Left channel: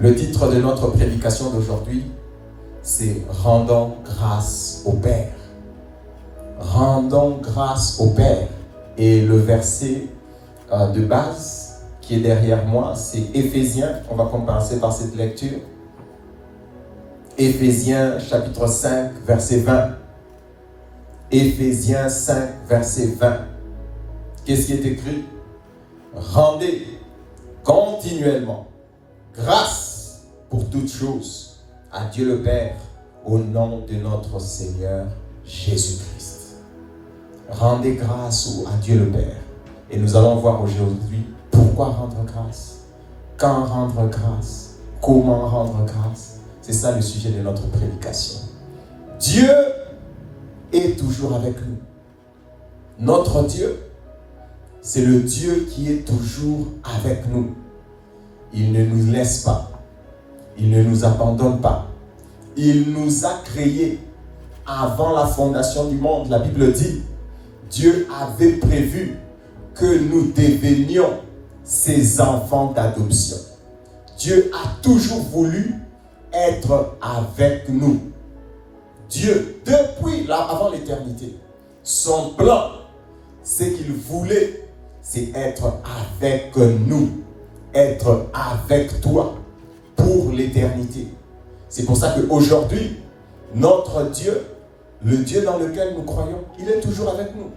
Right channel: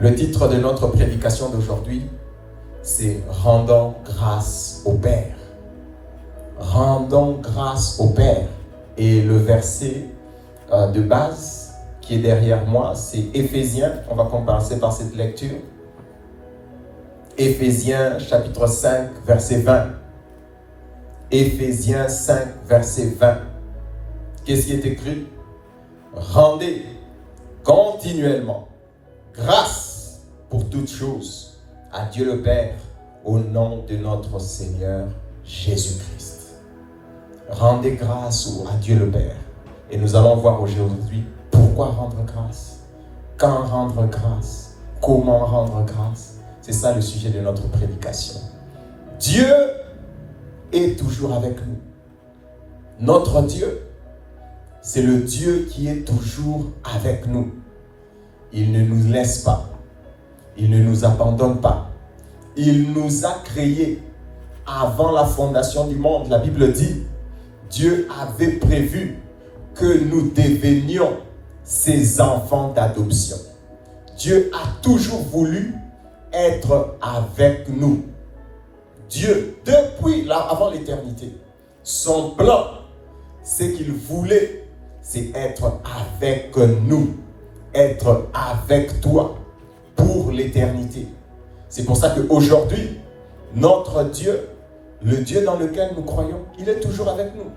Le titre de notre prédication d'aujourd'hui, c'est « Rendons grâce au Père ». Rendons grâce au Père. Et le verset de base qui est derrière moi, c'est Éphésiens. On va commencer par cette lecture. Éphésiens chapitre 5, verset 20. Éphésiens 5, verset 20. Qu'est-ce qui est écrit? Rendez continuellement grâce pour toutes choses à Dieu le Père au nom de notre Seigneur Jésus-Christ. Rendez grâce à Dieu le Père. Et nous allons voir aujourd'hui pourquoi rendre grâce, quand rendre grâce, comment rendre grâce. C'est ça le sujet de notre prédication. Dieu est toujours avec nous. Notre Dieu, c'est le Dieu qui est toujours avec nous. Il ne nous laisse pas. Il ne nous abandonne pas. Il nous a créés avant la fondation du monde. La Bible dit, Dieu avait prévu que nous devenions ses enfants d'adoption. Dieu a toujours voulu être avec nous. Dieu, depuis là, avant l'éternité, son plan, c'est qu'il voulait, c'est être avec nous, être avec toi pour l'éternité. C'est pour ça qu'aujourd'hui, notre Dieu, le Dieu dans lequel nous croyons, il est toujours avec nous.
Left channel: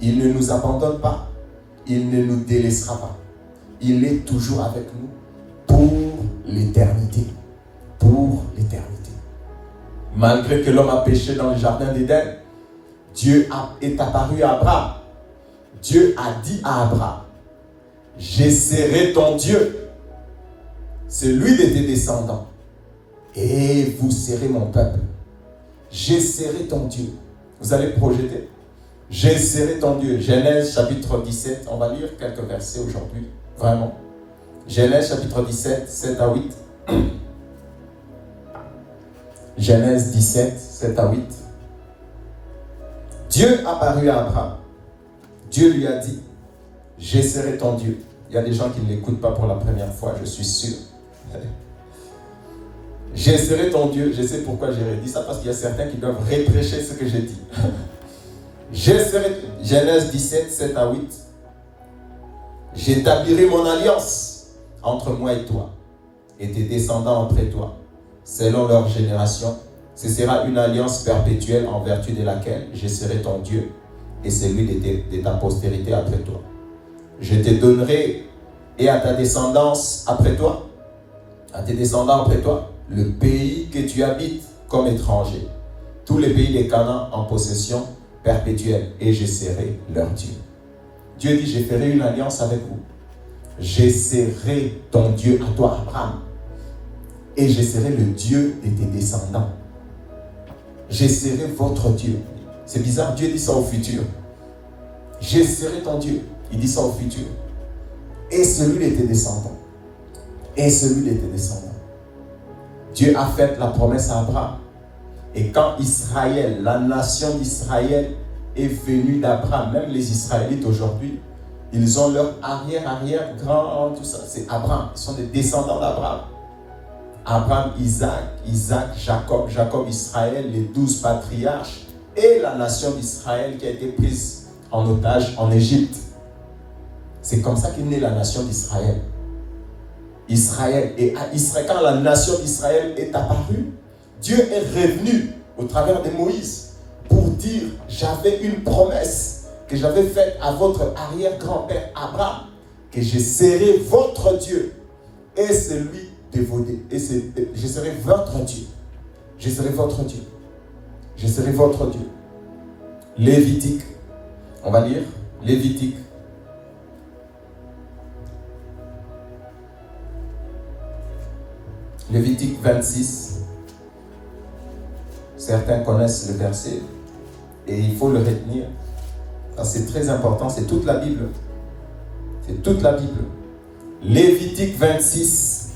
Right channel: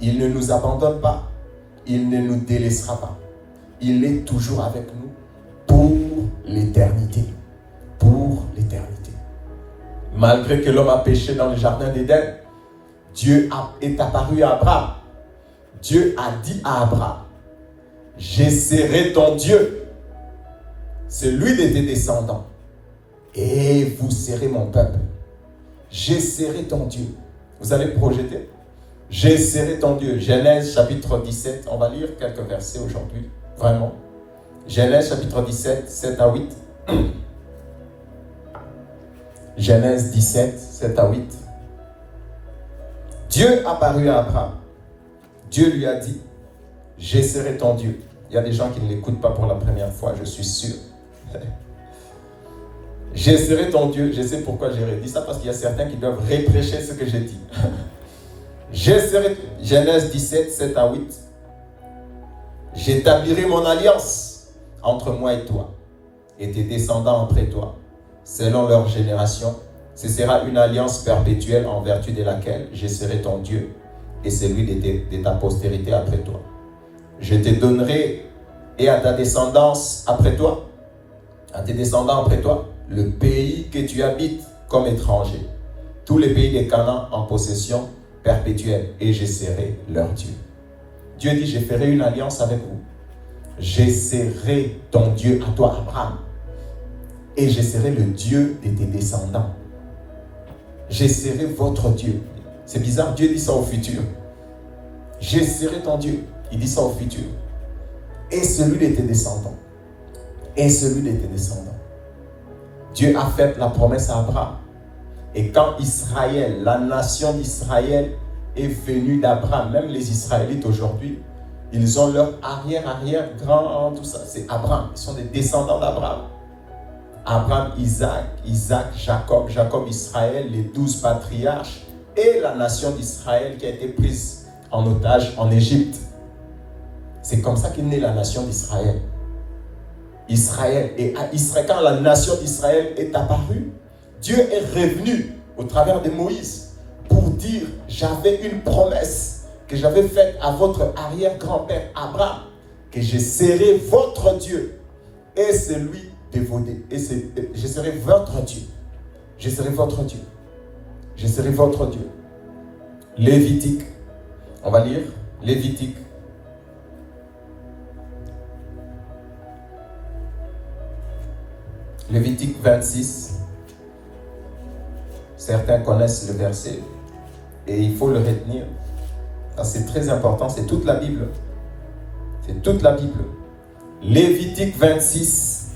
Il ne nous abandonne pas, il ne nous délaissera pas. Il est toujours avec nous pour l'éternité. Pour l'éternité. Malgré que l'homme a péché dans le jardin d'Éden, Dieu est apparu à Abraham. Dieu a dit à Abraham, je serai ton Dieu, celui de tes descendants, et vous serez mon peuple. Je serai ton Dieu. Vous allez projeter. Je serai ton Dieu. Genèse chapitre 17. On va lire quelques versets aujourd'hui. Vraiment. Genèse chapitre 17, 7 à 8. Genèse 17, 7 à 8. Dieu apparut à Abraham. Dieu lui a dit, je serai ton Dieu. Il y a des gens qui ne l'écoutent pas pour la première fois, je suis sûr. Je serai ton Dieu. Je sais pourquoi j'ai dit ça, parce qu'il y a certains qui doivent réprécher ce que j'ai dit. Je serai, Genèse 17, 7 à 8. J'établirai mon alliance entre moi et toi, et tes descendants après toi, selon leur génération. Ce sera une alliance perpétuelle en vertu de laquelle je serai ton Dieu et celui de ta postérité après toi. Je te donnerai et à ta descendance après toi, à tes descendants après toi, le pays que tu habites comme étranger, tous les pays des Canaan en possession perpétuelle, et je serai leur Dieu. Dieu dit, je ferai une alliance avec vous. Je serai ton Dieu à toi, Abraham, et je serai le Dieu de tes descendants. Je serai votre Dieu. C'est bizarre, Dieu dit ça au futur. Je serai ton Dieu. Il dit ça au futur. Et celui de tes descendants. Et celui de tes descendants. Dieu a fait la promesse à Abraham. Et quand Israël, la nation d'Israël est venue d'Abraham, même les Israélites aujourd'hui, ils ont leur arrière-grand, tout ça. C'est Abraham. Ils sont des descendants d'Abraham. Abraham, Isaac, Jacob, Israël, les 12 patriarches et la nation d'Israël qui a été prise en otage en Égypte. C'est comme ça qu'est née la nation d'Israël. Quand la nation d'Israël est apparue, Dieu est revenu au travers de Moïse pour dire, j'avais une promesse que j'avais faite à votre arrière-grand-père Abraham, que je serai votre Dieu et celui de vos dieux. Je serai votre Dieu. Je serai votre Dieu. Je serai votre Dieu. Lévitique. On va lire Lévitique. Lévitique 26. Certains connaissent le verset et il faut le retenir. C'est très important, c'est toute la Bible. C'est toute la Bible. Lévitique 26,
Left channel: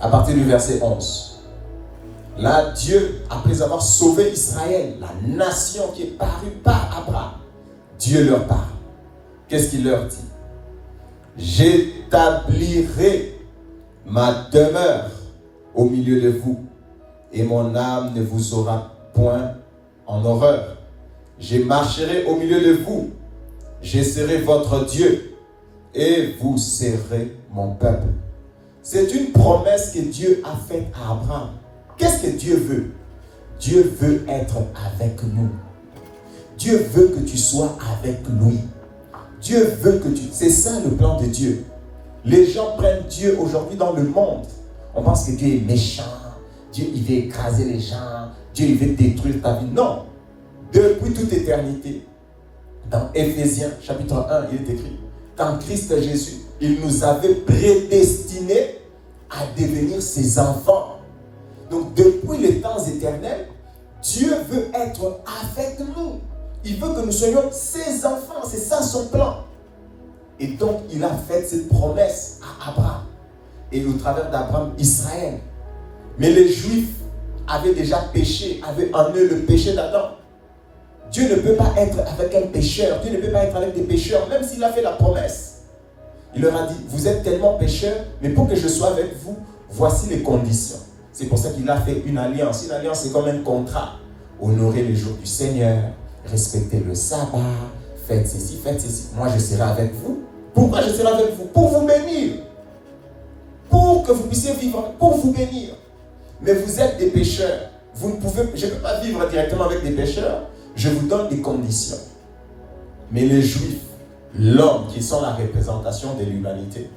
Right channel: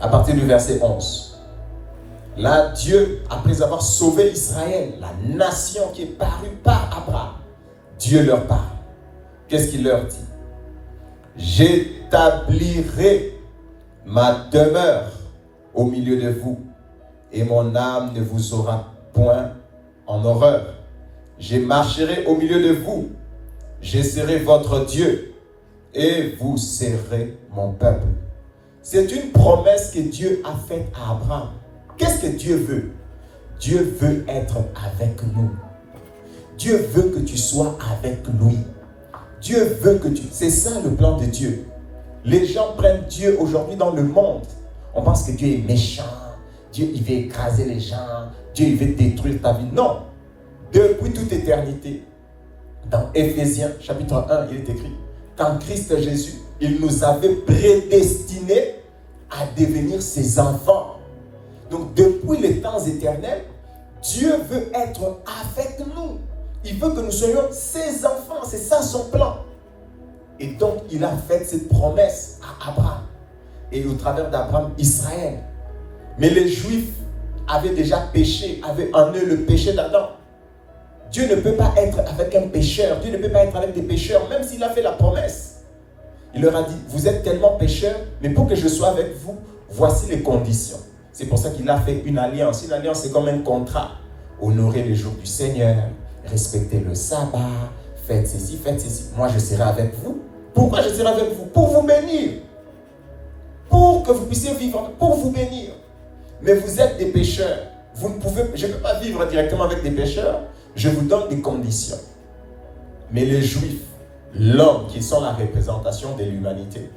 à partir du verset 11. Là, Dieu, après avoir sauvé Israël, la nation qui est parue par Abraham, Dieu leur parle. Qu'est-ce qu'il leur dit? J'établirai ma demeure au milieu de vous, et mon âme ne vous aura point en horreur. Je marcherai au milieu de vous, je serai votre Dieu, et vous serez mon peuple. C'est une promesse que Dieu a faite à Abraham. Qu'est-ce que Dieu veut? Dieu veut être avec nous. Dieu veut que tu sois avec lui. Dieu veut que tu... C'est ça le plan de Dieu. Les gens prennent Dieu aujourd'hui dans le monde. On pense que Dieu est méchant. Dieu, il veut écraser les gens. Dieu, il veut détruire ta vie. Non. Depuis toute éternité, dans Éphésiens chapitre 1, il est écrit qu'en Christ Jésus, il nous avait prédestinés à devenir ses enfants. Donc, depuis les temps éternels, Dieu veut être avec nous. Il veut que nous soyons ses enfants. C'est ça son plan. Et donc, il a fait cette promesse à Abraham. Et au travers d'Abraham, Israël. Mais les Juifs avaient déjà péché, avaient en eux le péché d'Adam. Dieu ne peut pas être avec un pécheur. Dieu ne peut pas être avec des pécheurs, même s'il a fait la promesse. Il leur a dit, vous êtes tellement pécheurs, mais pour que je sois avec vous, voici les conditions. C'est pour ça qu'il a fait une alliance. Une alliance, c'est comme un contrat. Honorez le jour du Seigneur, respectez le sabbat, faites ceci, faites ceci. Moi, je serai avec vous. Pourquoi je serai avec vous? Pour vous bénir. Pour que vous puissiez vivre, pour vous bénir. Mais vous êtes des pécheurs. Vous ne pouvez, je ne peux pas vivre directement avec des pécheurs. Je vous donne des conditions. Mais les Juifs, l'homme, qui sont la représentation de l'humanité,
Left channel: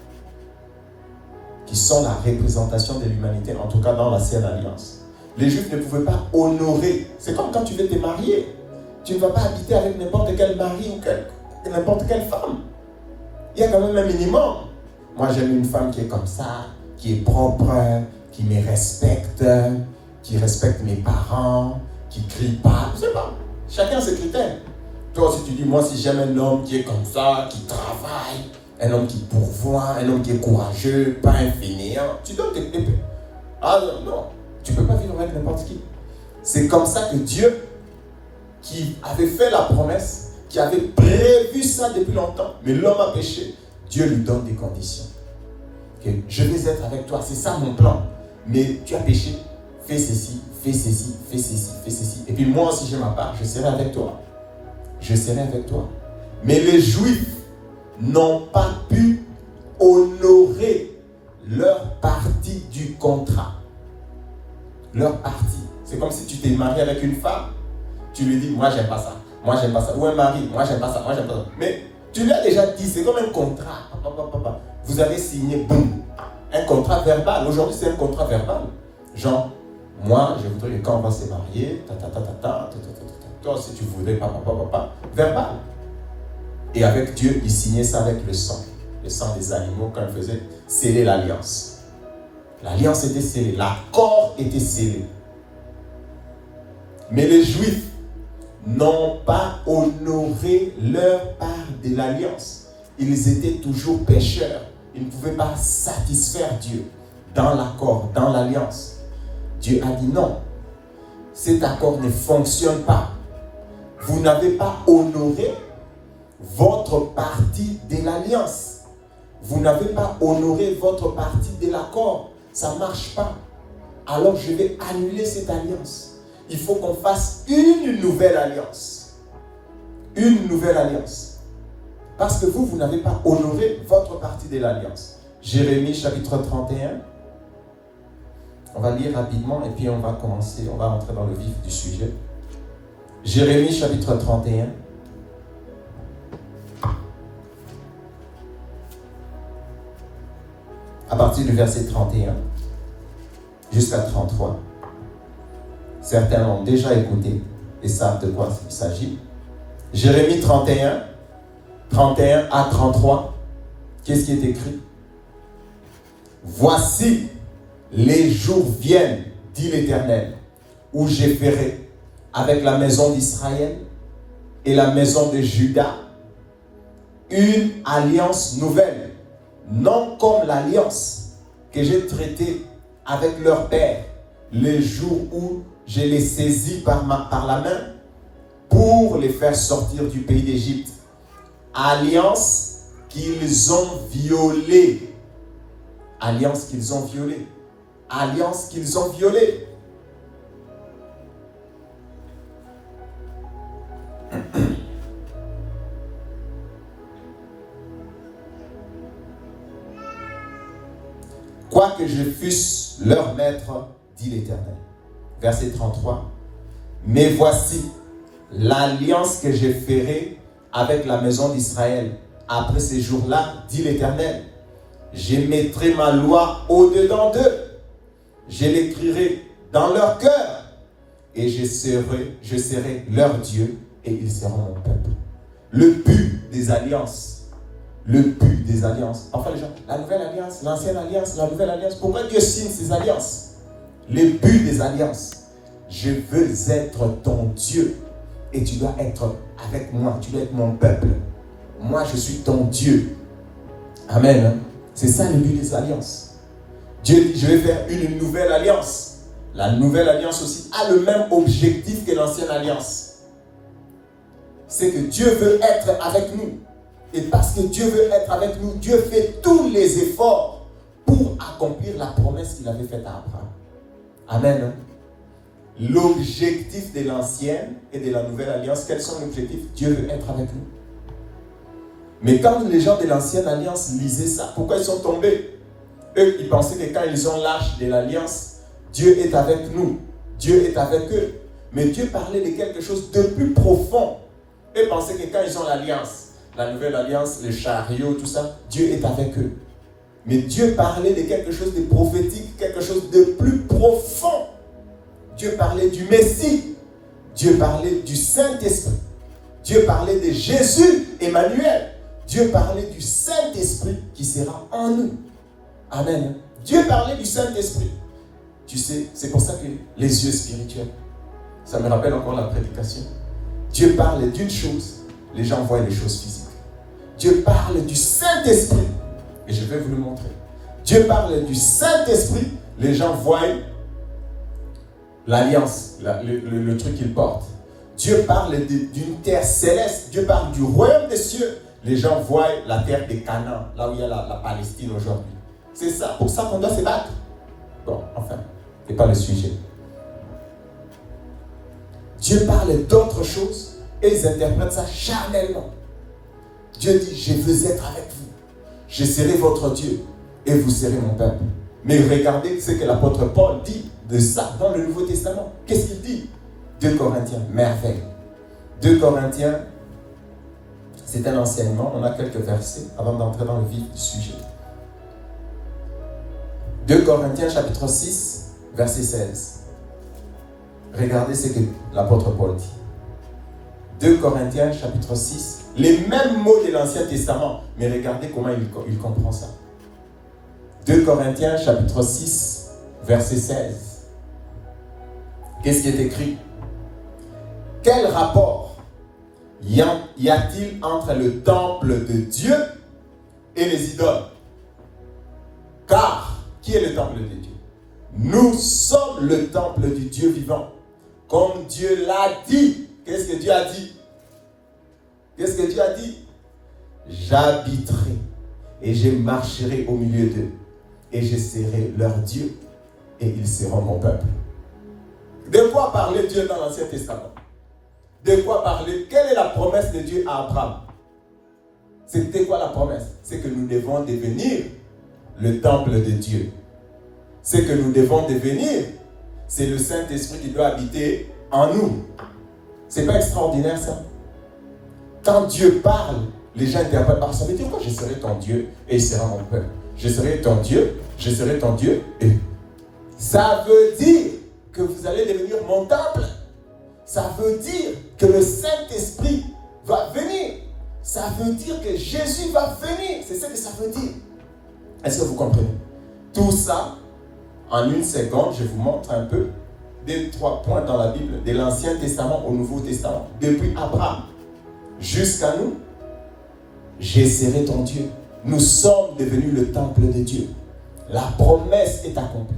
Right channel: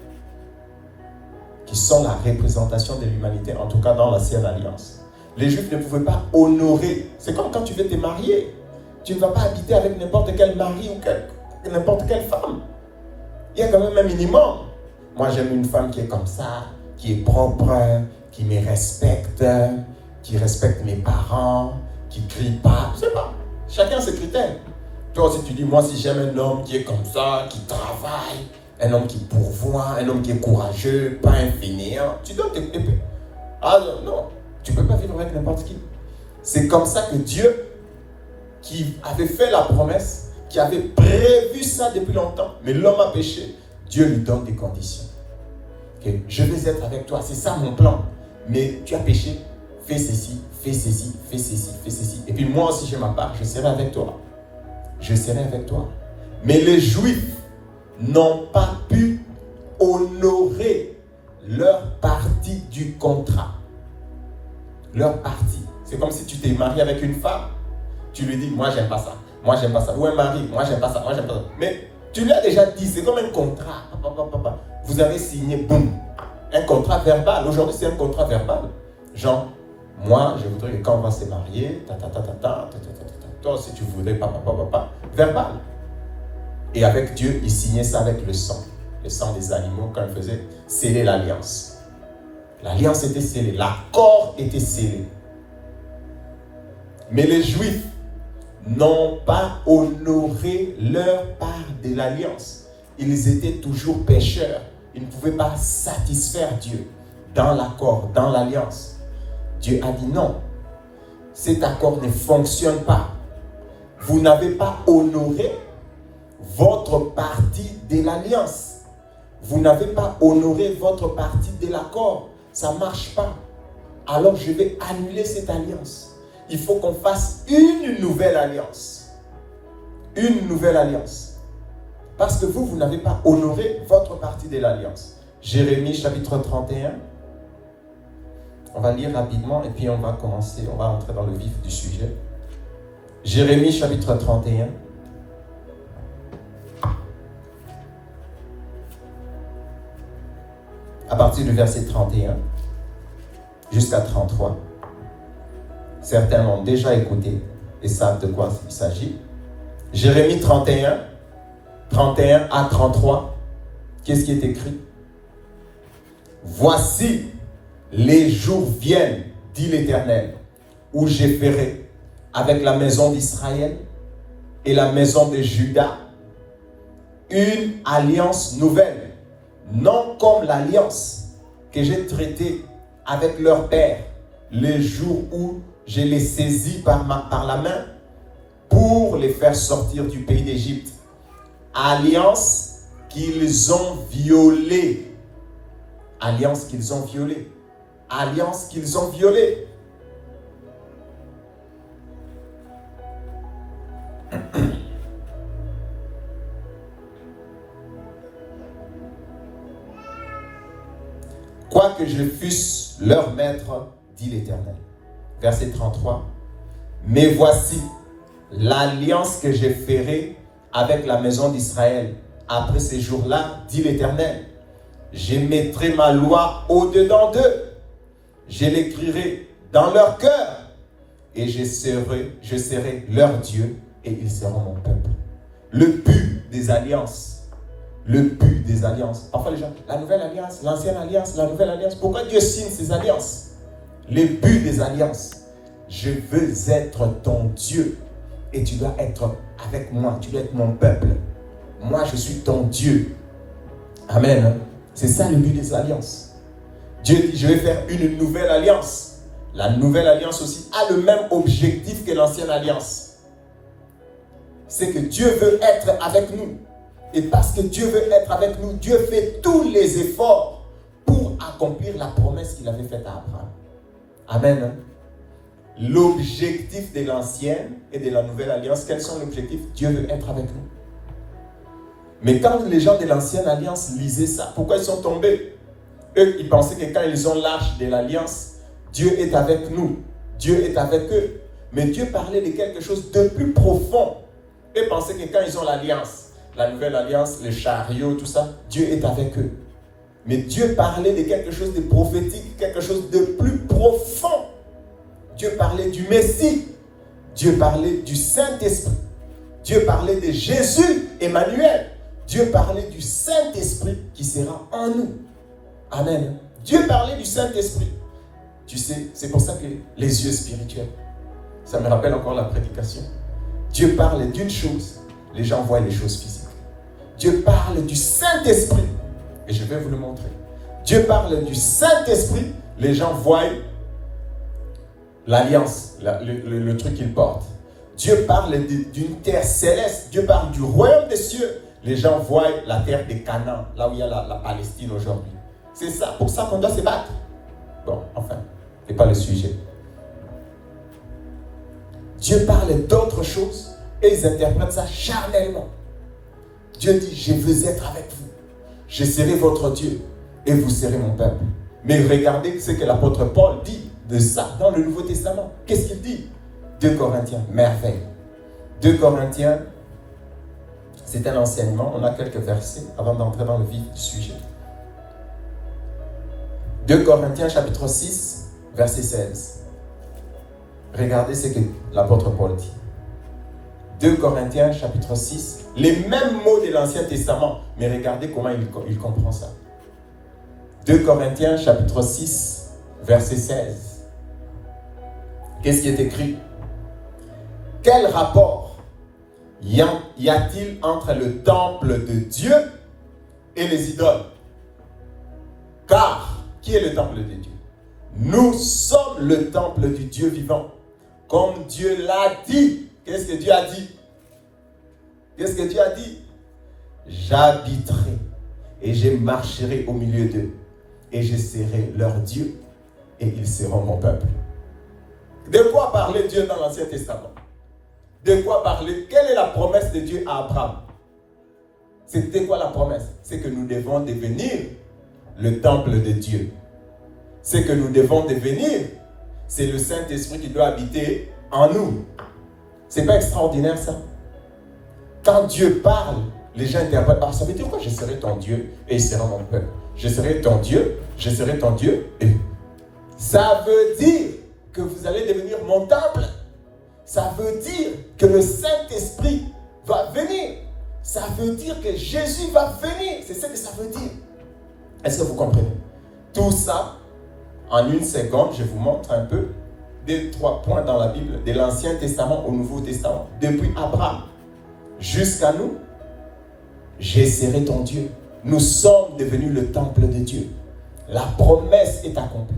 en tout cas dans la Sainte Alliance, les Juifs ne pouvaient pas honorer. C'est comme quand tu veux te marier. Tu ne vas pas habiter avec n'importe quel mari ou n'importe quelle femme. Il y a quand même un minimum. Moi, j'aime une femme qui est comme ça, qui est propre, qui me respecte, qui respecte mes parents, qui ne crie pas. Je ne sais pas. Chacun ses critères. Toi aussi, tu dis, moi, si j'aime un homme qui est comme ça, qui travaille, un homme qui pourvoit, un homme qui est courageux, pas un fainéant, tu donnes tes critères. Ah non, tu ne peux pas vivre avec n'importe qui. C'est comme ça que Dieu, qui avait fait la promesse, qui avait prévu ça depuis longtemps, mais l'homme a péché, Dieu lui donne des conditions. Okay? Je vais être avec toi, c'est ça mon plan. Mais tu as péché, fais ceci, fais ceci, fais ceci, fais ceci. Et puis moi aussi je m'appelle, je serai avec toi. Je serai avec toi. Mais les Juifs n'ont pas pu honorer leur partie du contrat. Leur partie. C'est comme si tu t'es marié avec une femme. Tu lui dis, moi j'aime pas ça. Moi j'aime pas ça. Ou un mari, moi j'aime pas ça. Moi j'aime pas ça. Mais tu lui as déjà dit, c'est comme un contrat. Vous avez signé, boum. Un contrat verbal. Aujourd'hui c'est un contrat verbal. Genre, moi je voudrais que quand on va se marier, toi si tu voudrais, verbal. Et avec Dieu, il signait ça avec le sang des animaux quand il faisait sceller l'alliance. L'alliance était scellée, l'accord était scellé. Mais les Juifs n'ont pas honoré leur part de l'alliance. Ils étaient toujours pécheurs. Ils ne pouvaient pas satisfaire Dieu dans l'accord, dans l'alliance. Dieu a dit non. Cet accord ne fonctionne pas. Vous n'avez pas honoré votre partie de l'alliance. Vous n'avez pas honoré votre partie de l'accord. Ça ne marche pas. Alors je vais annuler cette alliance. Il faut qu'on fasse une nouvelle alliance. Une nouvelle alliance. Parce que vous n'avez pas honoré votre partie de l'alliance. Jérémie chapitre 31. On va lire rapidement et puis on va commencer, on va entrer dans le vif du sujet. Jérémie chapitre 31. À partir du verset 31 jusqu'à 33. Certains l'ont déjà écouté et savent de quoi il s'agit. Jérémie 31 à 33. Qu'est-ce qui est écrit? Voici, les jours viennent, dit l'Éternel, où je ferai avec la maison d'Israël et la maison de Juda une alliance nouvelle, non comme l'alliance que j'ai traitée avec leur père le jour où je les saisis par la main pour les faire sortir du pays d'Égypte. Alliance qu'ils ont violée. Alliance qu'ils ont violée. Alliance qu'ils ont violée. Quoique je fusse leur maître, dit l'Éternel. Verset 33. Mais voici l'alliance que je ferai avec la maison d'Israël. Après ces jours-là, dit l'Éternel, je mettrai ma loi au-dedans d'eux. Je l'écrirai dans leur cœur. Et je serai leur Dieu et ils seront mon peuple. Le but des alliances. Le but des alliances. Enfin les gens, la nouvelle alliance, l'ancienne alliance, la nouvelle alliance. Pourquoi Dieu signe ces alliances? Le but des alliances. Je veux être ton Dieu. Et tu dois être avec moi. Tu dois être mon peuple. Moi, je suis ton Dieu. Amen. C'est ça le but des alliances. Dieu dit, je vais faire une nouvelle alliance. La nouvelle alliance aussi a le même objectif que l'ancienne alliance. C'est que Dieu veut être avec nous. Et parce que Dieu veut être avec nous, Dieu fait tous les efforts pour accomplir la promesse qu'il avait faite à Abraham. Amen. L'objectif de l'ancienne et de la nouvelle alliance, quels sont les objectifs? Dieu veut être avec nous. Mais quand les gens de l'ancienne alliance lisaient ça, pourquoi ils sont tombés? Eux, ils pensaient que quand ils ont l'âge de l'alliance, Dieu est avec nous. Dieu est avec eux. Mais Dieu parlait de quelque chose de plus profond. Eux pensaient que quand ils ont l'alliance, la nouvelle alliance, les chariots, tout ça, Dieu est avec eux. Mais Dieu parlait de quelque chose de prophétique, quelque chose de plus profond. Dieu parlait du Messie. Dieu parlait du Saint-Esprit. Dieu parlait de Jésus, Emmanuel. Dieu parlait du Saint-Esprit qui sera en nous. Amen. Dieu parlait du Saint-Esprit. Tu sais, c'est pour ça que les yeux spirituels, ça me rappelle encore la prédication. Dieu parle d'une chose, les gens voient les choses physiques. Dieu parle du Saint-Esprit, et je vais vous le montrer. Dieu parle du Saint-Esprit, les gens voient l'alliance, le truc qu'il porte. Dieu parle d'une terre céleste, Dieu parle du royaume des cieux, les gens voient la terre de Canaan, là où il y a la Palestine aujourd'hui. C'est ça, pour ça qu'on doit se battre. Bon, enfin, ce n'est pas le sujet. Dieu parle d'autres choses et ils interprètent ça charnellement. Dieu dit, je veux être avec vous. Je serai votre Dieu et vous serez mon peuple. Mais regardez ce que l'apôtre Paul dit de ça dans le Nouveau Testament. Qu'est-ce qu'il dit? 2 Corinthiens, merveille. 2 Corinthiens, c'est un enseignement. On a quelques versets avant d'entrer dans le vif du sujet. 2 Corinthiens chapitre 6, verset 16. Regardez ce que l'apôtre Paul dit. 2 Corinthiens chapitre 6, les mêmes mots de l'Ancien Testament, mais regardez comment il comprend ça. 2 Corinthiens chapitre 6, verset 16. Qu'est-ce qui est écrit? Quel rapport y a-t-il entre le temple de Dieu et les idoles? Car, qui est le temple de Dieu? Nous sommes le temple du Dieu vivant. Comme Dieu l'a dit. Qu'est-ce que Dieu a dit? Qu'est-ce que Dieu a dit? J'habiterai et je marcherai au milieu d'eux et je serai leur Dieu et ils seront mon peuple. De quoi parlait Dieu dans l'Ancien Testament? De quoi parlait? Quelle est la promesse de Dieu à Abraham? C'était quoi la promesse? C'est que nous devons devenir le temple de Dieu. C'est que nous devons devenir, c'est le Saint-Esprit qui doit habiter en nous. C'est pas extraordinaire ça? Quand Dieu parle, les gens interprètent par ça. Mais dire quoi? Je serai ton Dieu et il sera mon peuple. Je serai ton Dieu, je serai ton Dieu. Et ça veut dire que vous allez devenir mon temple. Ça veut dire que le Saint-Esprit va venir. Ça veut dire que Jésus va venir. C'est ce que ça veut dire. Est-ce que vous comprenez? Tout ça, en une seconde, je vous montre un peu des 3 points dans la Bible, de l'Ancien Testament au Nouveau Testament, depuis Abraham jusqu'à nous. Je serai ton Dieu. Nous sommes devenus le temple de Dieu. La promesse est accomplie.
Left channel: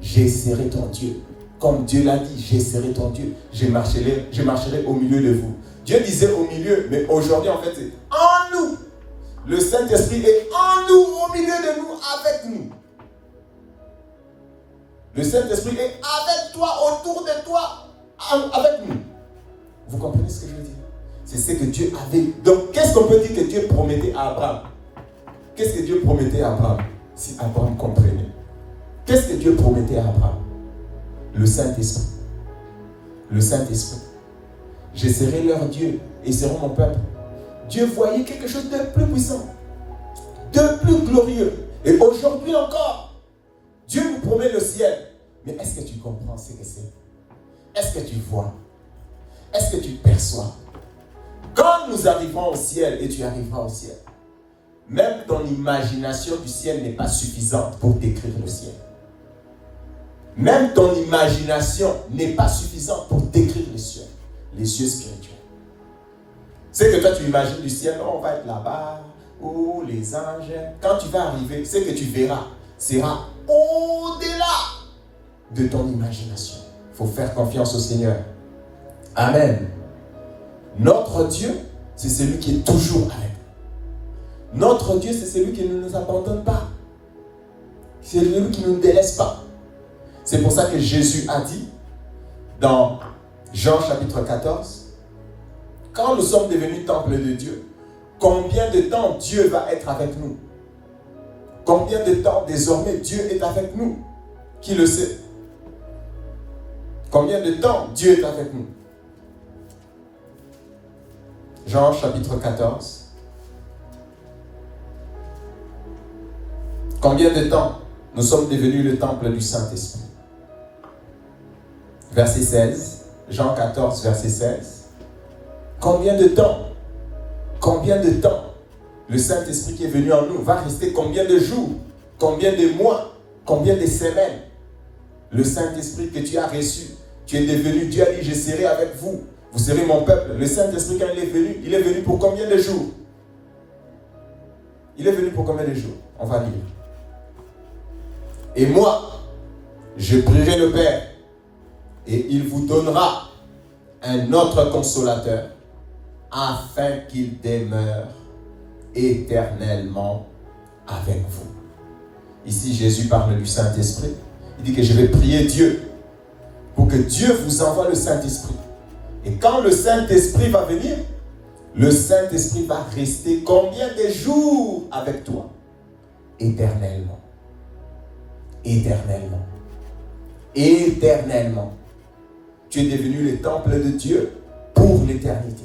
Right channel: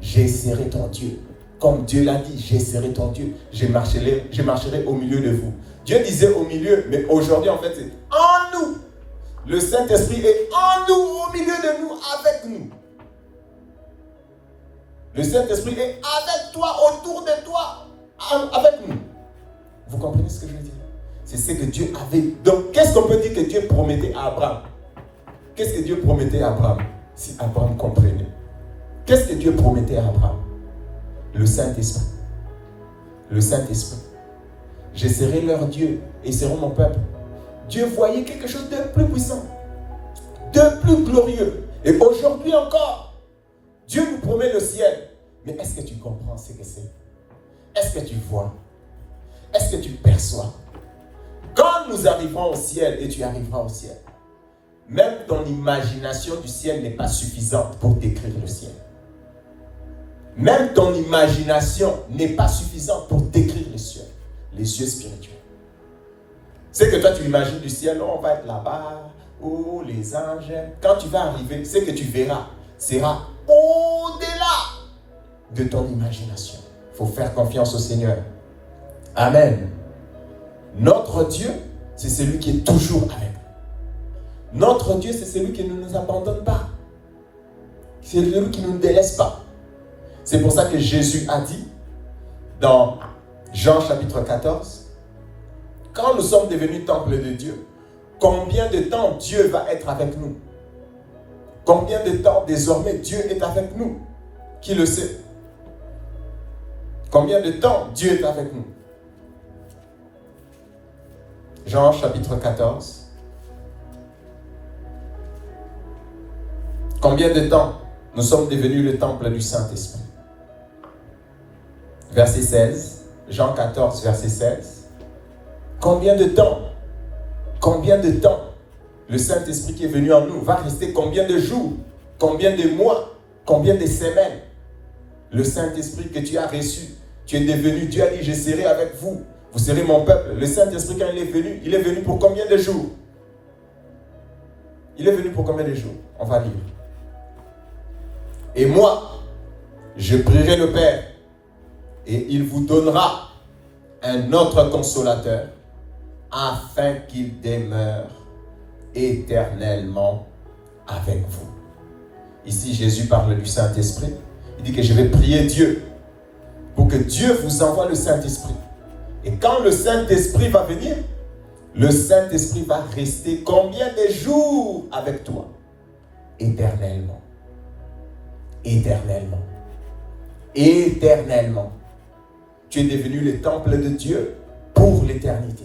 Je serai ton Dieu. Comme Dieu l'a dit, je serai ton Dieu. Je marcherai au milieu de vous. Dieu disait au milieu, mais aujourd'hui en fait c'est en nous. Le Saint-Esprit est en nous, au milieu de nous, avec nous. Le Saint-Esprit est avec toi, autour de toi, avec nous. Vous comprenez ce que je veux dire? C'est ce que Dieu avait. Donc, qu'est-ce qu'on peut dire que Dieu promettait à Abraham? Qu'est-ce que Dieu promettait à Abraham? Si Abraham comprenait. Qu'est-ce que Dieu promettait à Abraham? Le Saint-Esprit. Le Saint-Esprit. Je serai leur Dieu et ils seront mon peuple. Dieu voyait quelque chose de plus puissant, de plus glorieux. Et aujourd'hui encore, Dieu nous promet le ciel. Mais est-ce que tu comprends ce que c'est? Est-ce que tu vois? Est-ce que tu perçois? Quand nous arriverons au ciel, et tu arriveras au ciel, même ton imagination du ciel n'est pas suffisante pour décrire le ciel. Même ton imagination n'est pas suffisante pour décrire le ciel, les cieux spirituels. C'est que toi tu imagines du ciel, on va être là-bas, ou les anges. Quand tu vas arriver, ce que tu verras sera au-delà de ton imagination. Il faut faire confiance au Seigneur. Amen. Notre Dieu, c'est celui qui est toujours avec nous. Notre Dieu, c'est celui qui ne nous abandonne pas. C'est celui qui ne nous délaisse pas. C'est pour ça que Jésus a dit dans Jean chapitre 14, quand nous sommes devenus temple de Dieu, combien de temps Dieu va être avec nous? Combien de temps désormais Dieu est avec nous? Qui le sait? Combien de temps Dieu est avec nous? Jean chapitre 14. Combien de temps nous sommes devenus le temple du Saint-Esprit? Verset 16. Jean 14, verset 16. Combien de temps? Combien de temps le Saint-Esprit qui est venu en nous va rester? Combien de jours? Combien de mois? Combien de semaines? Le Saint-Esprit que tu as reçu, tu es devenu, Dieu a dit, je serai avec vous. Vous serez mon peuple. Le Saint-Esprit, quand il est venu pour combien de jours? Il est venu pour combien de jours? On va lire. Et moi, je prierai le Père, et il vous donnera un autre consolateur, afin qu'il demeure éternellement avec vous. Ici, Jésus parle du Saint-Esprit. Il dit que je vais prier Dieu pour que Dieu vous envoie le Saint-Esprit. Et quand le Saint-Esprit va venir, le Saint-Esprit va rester combien de jours avec toi? Éternellement. Éternellement. Éternellement. Tu es devenu le temple de Dieu pour l'éternité.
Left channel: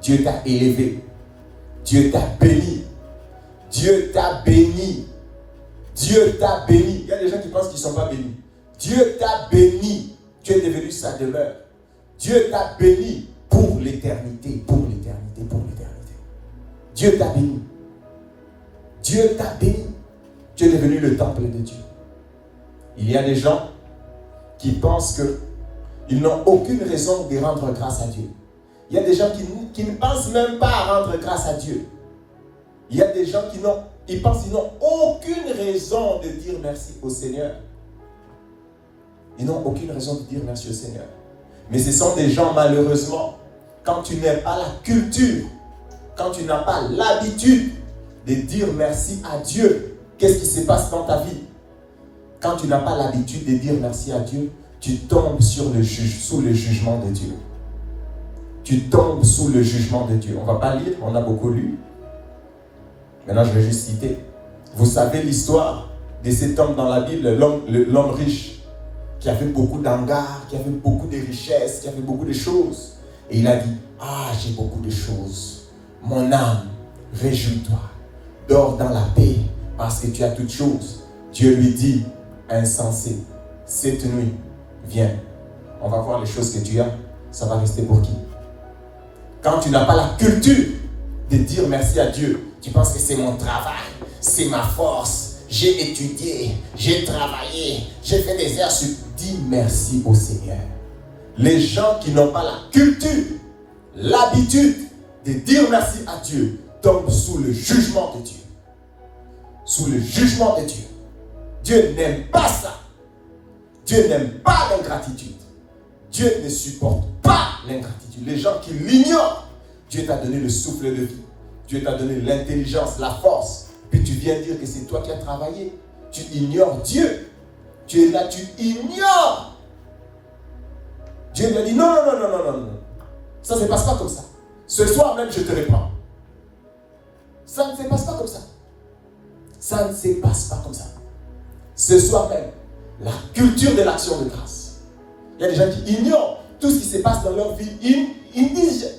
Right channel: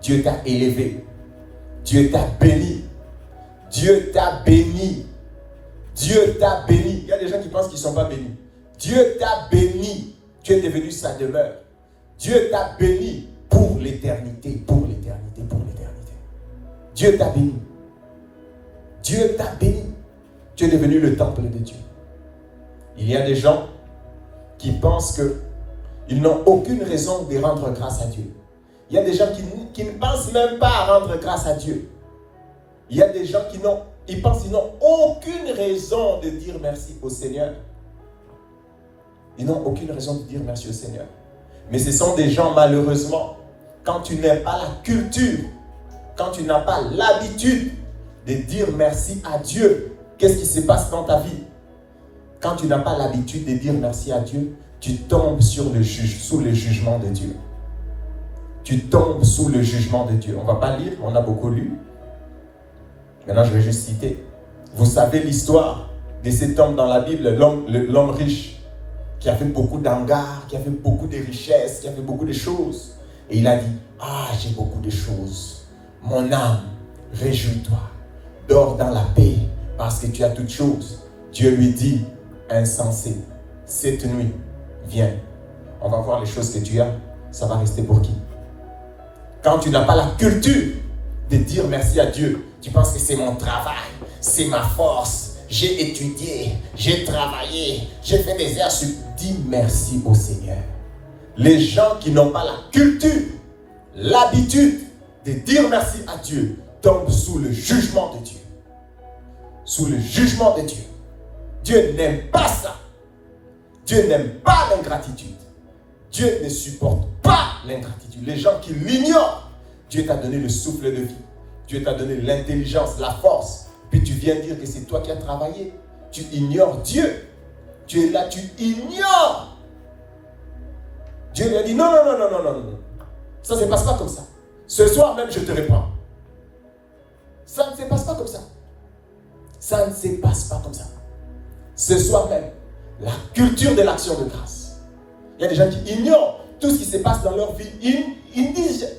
Dieu t'a élevé. Dieu t'a béni. Dieu t'a béni. Dieu t'a béni. Il y a des gens qui pensent qu'ils ne sont pas bénis. Dieu t'a béni. Tu es devenu sa demeure. Dieu t'a béni pour l'éternité, pour l'éternité, pour l'éternité. Dieu t'a béni. Dieu t'a béni. Tu es devenu le temple de Dieu. Il y a des gens qui pensent qu'ils n'ont aucune raison de rendre grâce à Dieu. Il y a des gens qui ne pensent même pas à rendre grâce à Dieu. Il y a des gens qui pensent qu'ils n'ont aucune raison de dire merci au Seigneur. Ils n'ont aucune raison de dire merci au Seigneur. Mais ce sont des gens, malheureusement, quand tu n'as pas la culture, quand tu n'as pas l'habitude de dire merci à Dieu, qu'est-ce qui se passe dans ta vie? Quand tu n'as pas l'habitude de dire merci à Dieu, tu tombes sous le jugement de Dieu. Tu tombes sous le jugement de Dieu. On ne va pas lire, on a beaucoup lu. Maintenant, je vais juste citer. Vous savez l'histoire de cet homme dans la Bible, l'homme riche, qui avait beaucoup d'hangars, qui avait beaucoup de richesses, qui avait beaucoup de choses. Et il a dit, j'ai beaucoup de choses. Mon âme, réjouis-toi. Dors dans la paix, parce que tu as toutes choses. Dieu lui dit, insensé, cette nuit, viens. On va voir les choses que tu as. Ça va rester pour qui? Quand tu n'as pas la culture de dire merci à Dieu, tu penses que c'est mon travail, c'est ma force, j'ai étudié, j'ai travaillé, j'ai fait des heures sur... Dis merci au Seigneur. Les gens qui n'ont pas la culture, l'habitude de dire merci à Dieu, tombent sous le jugement de Dieu. Sous le jugement de Dieu. Dieu n'aime pas ça. Dieu n'aime pas l'ingratitude. Dieu ne supporte pas l'ingratitude. Les gens qui l'ignorent, Dieu t'a donné le souffle de vie. Dieu t'a donné l'intelligence, la force. Puis tu viens dire que c'est toi qui as travaillé. Tu ignores Dieu. Tu es là, tu ignores. Dieu lui a dit non. Ça ne se passe pas comme ça. Ce soir même, je te réponds. Ça ne se passe pas comme ça. Ça ne se passe pas comme ça. Ce soir même, la culture de l'action de grâce. Il y a des gens qui ignorent tout ce qui se passe dans leur vie. Ils disent,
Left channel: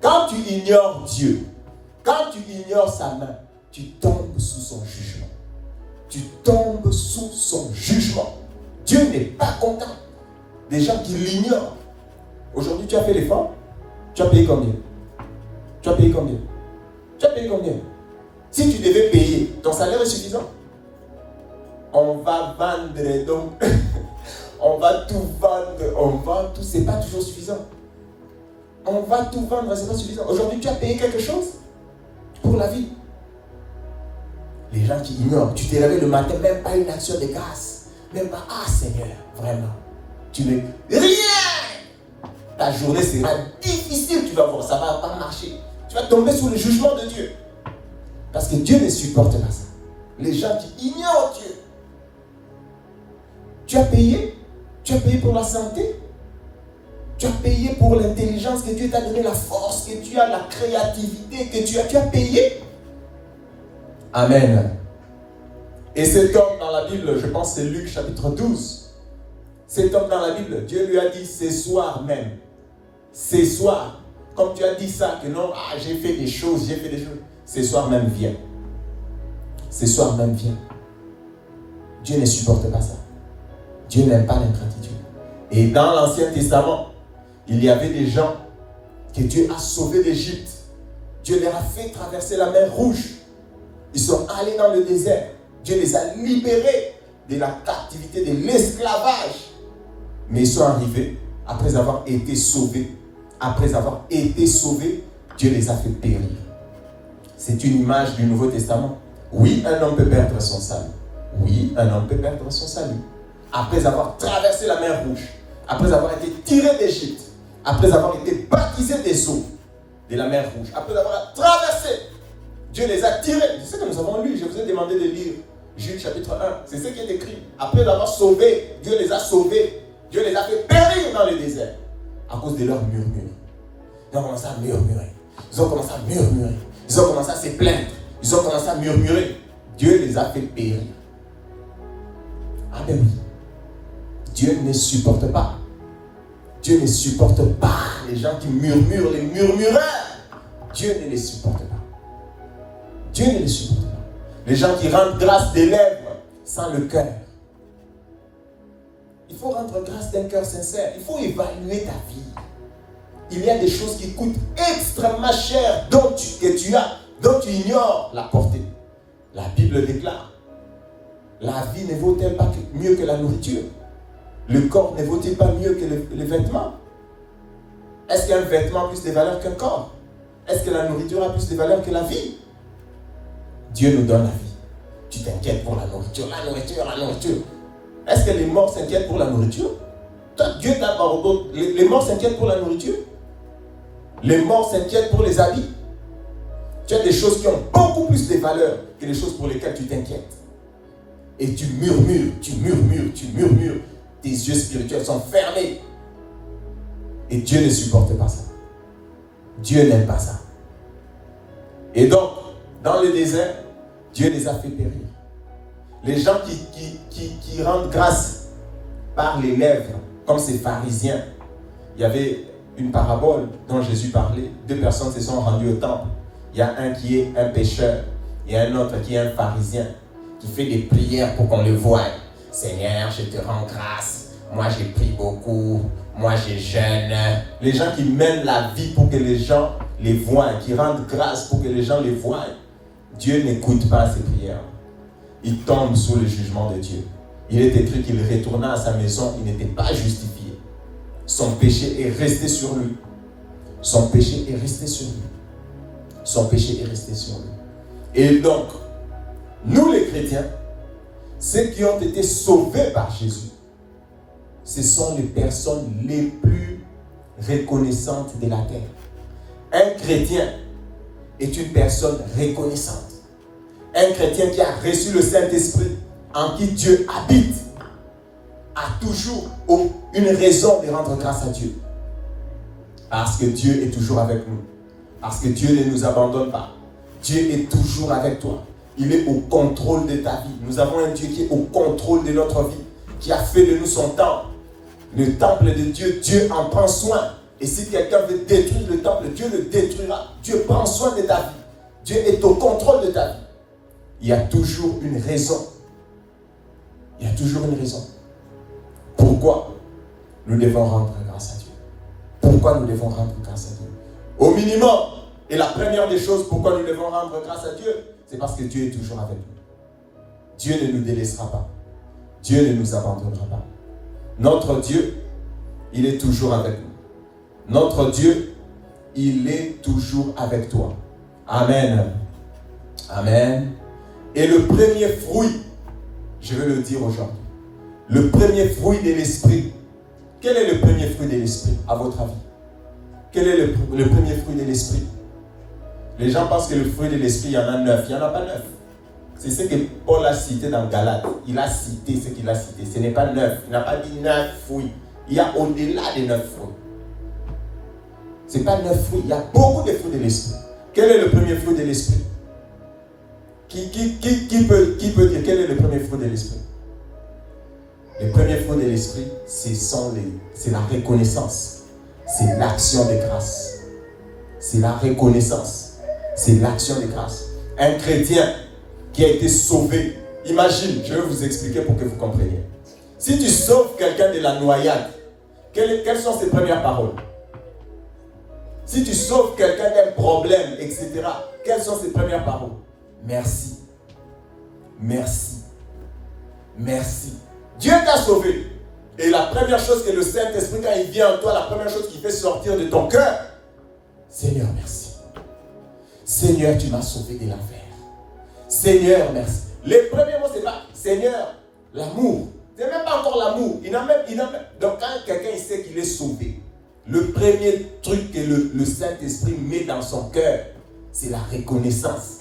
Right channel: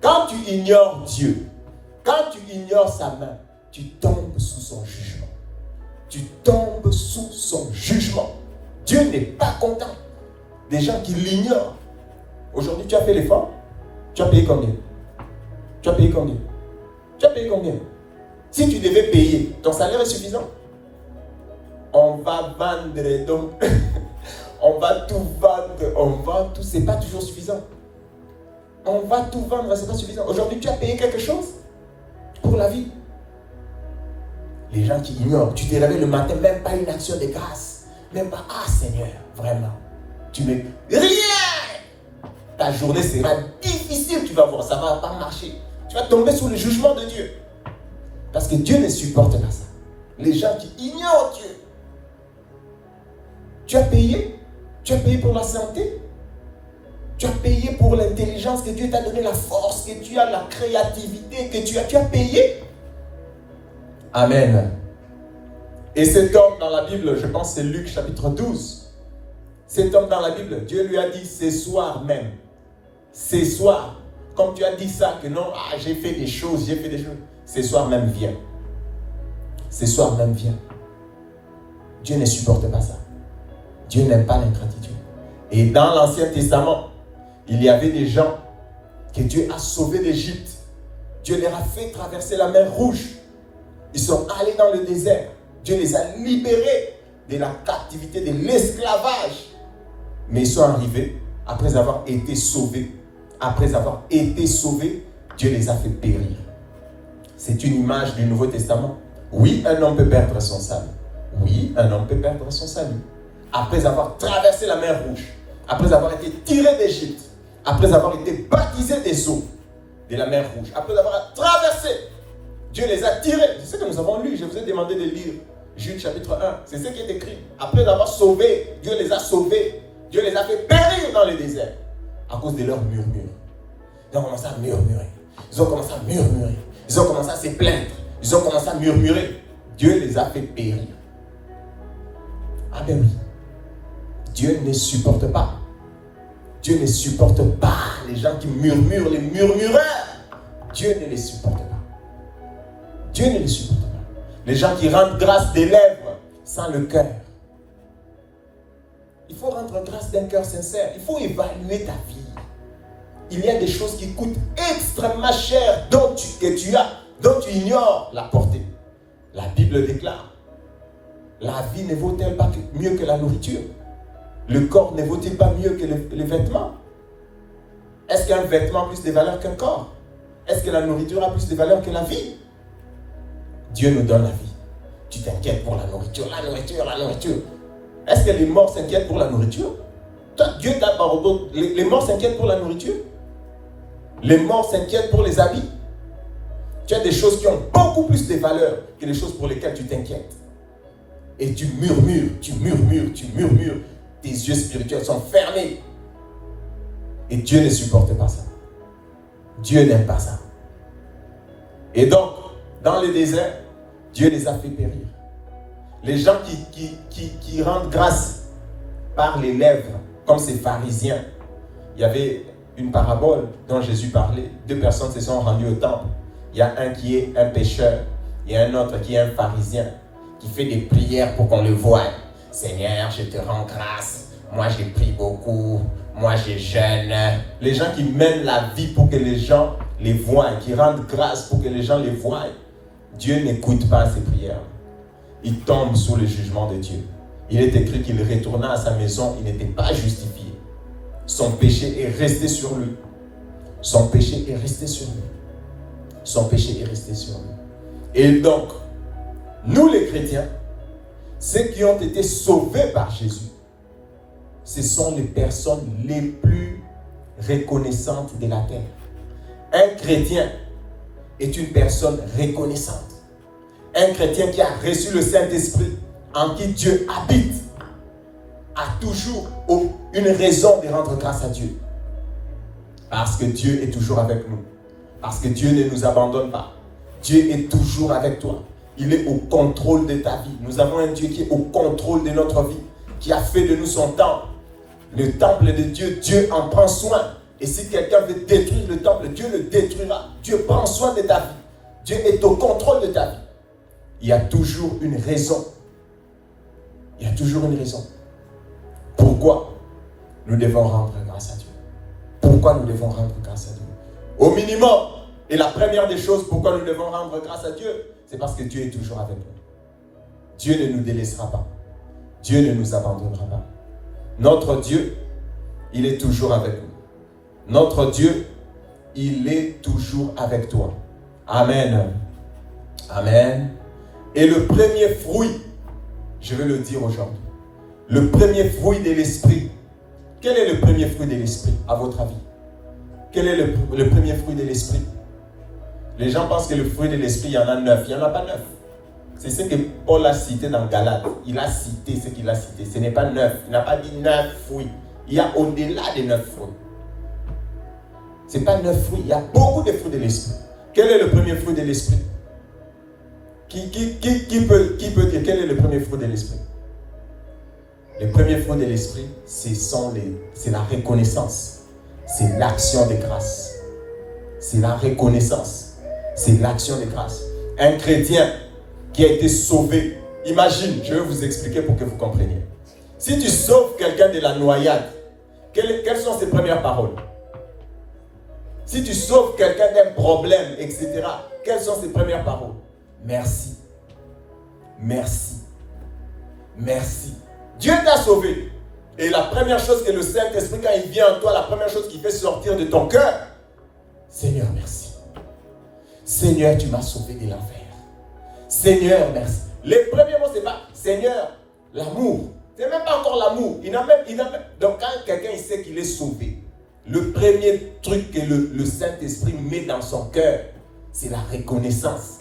quand tu ignores Dieu, quand tu ignores sa main, tu tombes sous son jugement. Tu tombes sous son jugement. Dieu n'est pas content des gens qui l'ignorent. Aujourd'hui, tu as fait l'effort. Tu as payé combien? Tu as payé combien? Tu as payé combien? Si tu devais payer, ton salaire est suffisant. On va vendre, donc on va tout vendre, c'est pas toujours suffisant. On va tout vendre, c'est pas suffisant. Aujourd'hui, tu as payé quelque chose pour la vie. Les gens qui ignorent, tu te réveilles le matin, même pas une action de grâce. Même pas, ah Seigneur, vraiment. Tu ne... Rien! Ta journée sera difficile, tu vas voir, ça ne va pas marcher. Tu vas tomber sous le jugement de Dieu. Parce que Dieu ne supporte pas ça. Les gens qui ignorent Dieu. Tu as payé pour la santé. Tu as payé pour l'intelligence que Dieu t'a donné, la force que tu as, la créativité que tu as payé. Amen. Et cet homme dans la Bible, je pense que c'est Luc chapitre 12. Cet homme dans la Bible, Dieu lui a dit ce soir même. Ce soir, comme tu as dit ça, que non, j'ai fait des choses. Ce soir même viens. Ce soir même viens. Dieu ne supporte pas ça. Dieu n'aime pas l'ingratitude. Et dans l'Ancien Testament, il y avait des gens que Dieu a sauvés d'Égypte. Dieu leur a fait traverser la mer Rouge. Ils sont allés dans le désert. Dieu les a libérés de la captivité, de l'esclavage. Mais ils sont arrivés après avoir été sauvés. Après avoir été sauvés, Dieu les a fait périr. C'est une image du Nouveau Testament. Oui, un homme peut perdre son salut. Oui, un homme peut perdre son salut. Après avoir traversé la mer Rouge, après avoir été tiré d'Égypte, après avoir été baptisé des eaux de la mer Rouge, après avoir traversé, Dieu les a tirés. C'est ce que nous avons lu. Je vous ai demandé de lire Jude chapitre 1. C'est ce qui est écrit. Après avoir sauvé, Dieu les a sauvés. Dieu les a fait périr dans le désert à cause de leurs murmures. Ils ont commencé à murmurer. Ils ont commencé à murmurer. Ils ont commencé à se plaindre. Ils ont commencé à murmurer. Dieu les a fait périr. Ah ben oui. Dieu ne supporte pas. Dieu ne supporte pas les gens qui murmurent, les murmureurs. Dieu ne les supporte pas. Dieu ne les supporte pas. Les gens qui rendent grâce des lèvres sans le cœur. Il faut rendre grâce d'un cœur sincère. Il faut évaluer ta vie. Il y a des choses qui coûtent extrêmement cher dont tu ignores la portée. La Bible déclare, la vie ne vaut-elle pas mieux que la nourriture? Le corps ne vaut-il pas mieux que les vêtements? Est-ce qu'un vêtement a plus de valeur qu'un corps? Est-ce que la nourriture a plus de valeur que la vie? Dieu nous donne la vie. Tu t'inquiètes pour la nourriture. Est-ce que les morts s'inquiètent pour la nourriture? Toi, Dieu t'a pardonné. Les morts s'inquiètent pour la nourriture? Les morts s'inquiètent pour les habits? Tu as des choses qui ont beaucoup plus de valeur que les choses pour lesquelles tu t'inquiètes. Et tu murmures. Tes yeux spirituels sont fermés. Et Dieu ne supporte pas ça. Dieu n'aime pas ça. Et donc, dans le désert, Dieu les a fait périr. Les gens qui rendent grâce par les lèvres, comme ces pharisiens. Il y avait une parabole dont Jésus parlait. 2 personnes se sont rendues au temple. Il y a un qui est un pécheur. Il y a un autre qui est un pharisien, qui fait des prières pour qu'on le voie. Seigneur, je te rends grâce. Moi, j'ai pris beaucoup. Moi, je jeûne. Les gens qui mènent la vie pour que les gens les voient, qui rendent grâce pour que les gens les voient, Dieu n'écoute pas ces prières. Il tombe sous le jugement de Dieu. Il est écrit qu'il retourna à sa maison, il n'était pas justifié. Son péché est resté sur lui. Son péché est resté sur lui. Son péché est resté sur lui. Et donc, nous les chrétiens, ceux qui ont été sauvés par Jésus, ce sont les personnes les plus reconnaissantes de la terre. Un chrétien est une personne reconnaissante. Un chrétien qui a reçu le Saint-Esprit, en qui Dieu habite, a toujours une raison de rendre grâce à Dieu. Parce que Dieu est toujours avec nous. Parce que Dieu ne nous abandonne pas. Dieu est toujours avec toi. Il est au contrôle de ta vie. Nous avons un Dieu qui est au contrôle de notre vie, qui a fait de nous son temple. Le temple de Dieu, Dieu en prend soin. Et si quelqu'un veut détruire le temple, Dieu le détruira. Dieu prend soin de ta vie. Dieu est au contrôle de ta vie. Il y a toujours une raison. Il y a toujours une raison. Pourquoi nous devons rendre grâce à Dieu? Pourquoi nous devons rendre grâce à Dieu? Au minimum, et la première des choses pourquoi nous devons rendre grâce à Dieu, c'est parce que Dieu est toujours avec nous. Dieu ne nous délaissera pas. Dieu ne nous abandonnera pas. Notre Dieu, il est toujours avec nous. Notre Dieu, il est toujours avec toi. Amen. Amen. Et le premier fruit, je vais le dire aujourd'hui, le premier fruit de l'esprit. Quel est le premier fruit de l'esprit, à votre avis? Quel est le premier fruit de l'esprit? Les gens pensent que le fruit de l'esprit, il y en a 9. Il n'y en a pas 9. C'est ce que Paul a cité dans Galates. Il a cité ce qu'il a cité. Ce n'est pas 9. Il n'a pas dit 9 fruits. Il y a au-delà des 9 fruits. Ce n'est pas 9 fruits. Il y a beaucoup de fruits de l'esprit. Quel est le premier fruit de l'esprit? Qui peut dire quel est le premier fruit de l'esprit? Le premier fruit de l'esprit, c'est la reconnaissance. C'est l'action de grâce. C'est la reconnaissance. C'est l'action de grâce. Un chrétien qui a été sauvé. Imagine, je vais vous expliquer pour que vous compreniez. Si tu sauves quelqu'un de la noyade, quelles sont ses premières paroles? Si tu sauves quelqu'un d'un problème, etc., quelles sont ses premières paroles? Merci. Merci. Merci. Dieu t'a sauvé. Et la première chose que le Saint-Esprit, quand il vient en toi, la première chose qu'il fait sortir de ton cœur, Seigneur, merci. Seigneur, tu m'as sauvé de l'enfer. Seigneur, merci. Les premiers mots, c'est pas Seigneur, l'amour. C'est même pas encore l'amour. Donc, quand quelqu'un il sait qu'il est sauvé, le premier truc que le Saint-Esprit met dans son cœur, c'est la reconnaissance.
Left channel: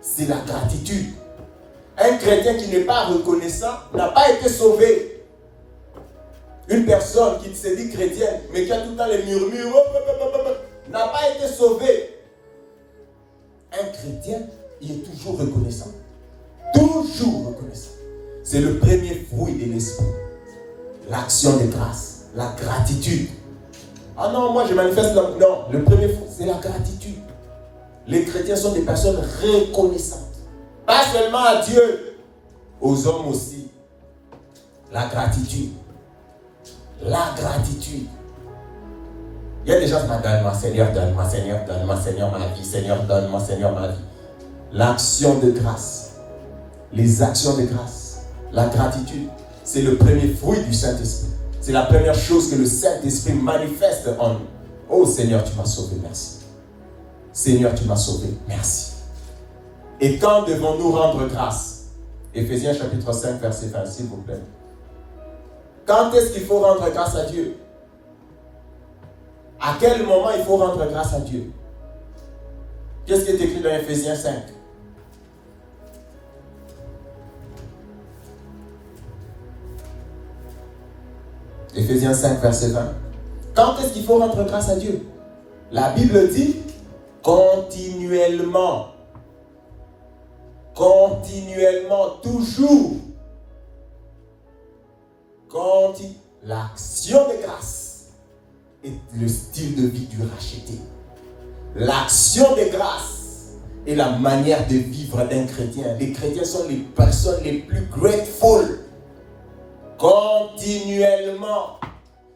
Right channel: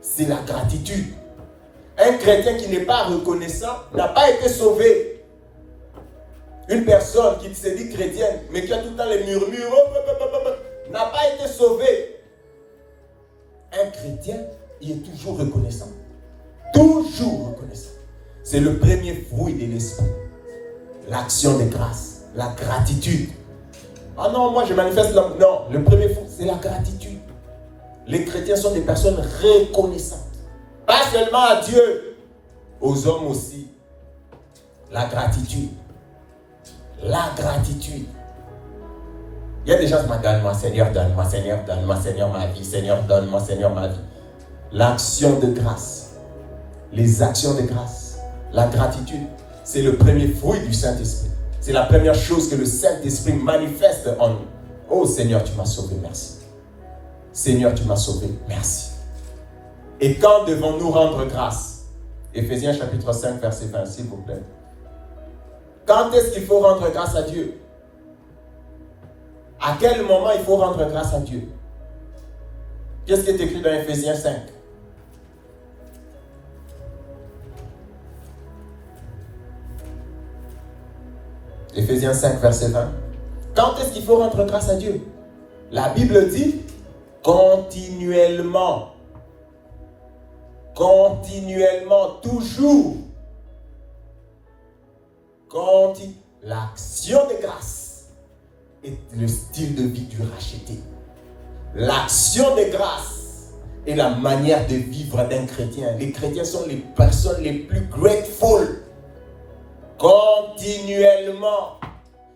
C'est la gratitude. Un chrétien qui n'est pas reconnaissant n'a pas été sauvé. Une personne qui se dit chrétienne, mais qui a tout le temps les murmures, n'a pas été sauvé. Un chrétien, il est toujours reconnaissant. Toujours reconnaissant. C'est le premier fruit de l'esprit. L'action de grâce, la gratitude. Ah non, moi je manifeste non, le premier fruit, c'est la gratitude. Les chrétiens sont des personnes reconnaissantes. Pas seulement à Dieu, aux hommes aussi. La gratitude. La gratitude. Il y a des gens qui me donnent, Seigneur, donne-moi, Seigneur, donne-moi, Seigneur, ma vie, Seigneur, donne-moi, Seigneur, ma vie. L'action de grâce, les actions de grâce, la gratitude, c'est le premier fruit du Saint-Esprit. C'est la première chose que le Saint-Esprit manifeste en nous. Oh Seigneur, tu m'as sauvé, merci. Seigneur, tu m'as sauvé, merci. Et quand devons-nous rendre grâce? Éphésiens chapitre 5, verset 20, s'il vous plaît. Quand est-ce qu'il faut rendre grâce à Dieu? À quel moment il faut rendre grâce à Dieu? Qu'est-ce qui est écrit dans Éphésiens 5? Éphésiens 5, verset 20. Quand est-ce qu'il faut rendre grâce à Dieu? La Bible dit continuellement. Continuellement, toujours. L'action de grâce est le style de vie du racheté. L'action de grâce est la manière de vivre d'un chrétien. Les chrétiens sont les personnes les plus grateful. Continuellement.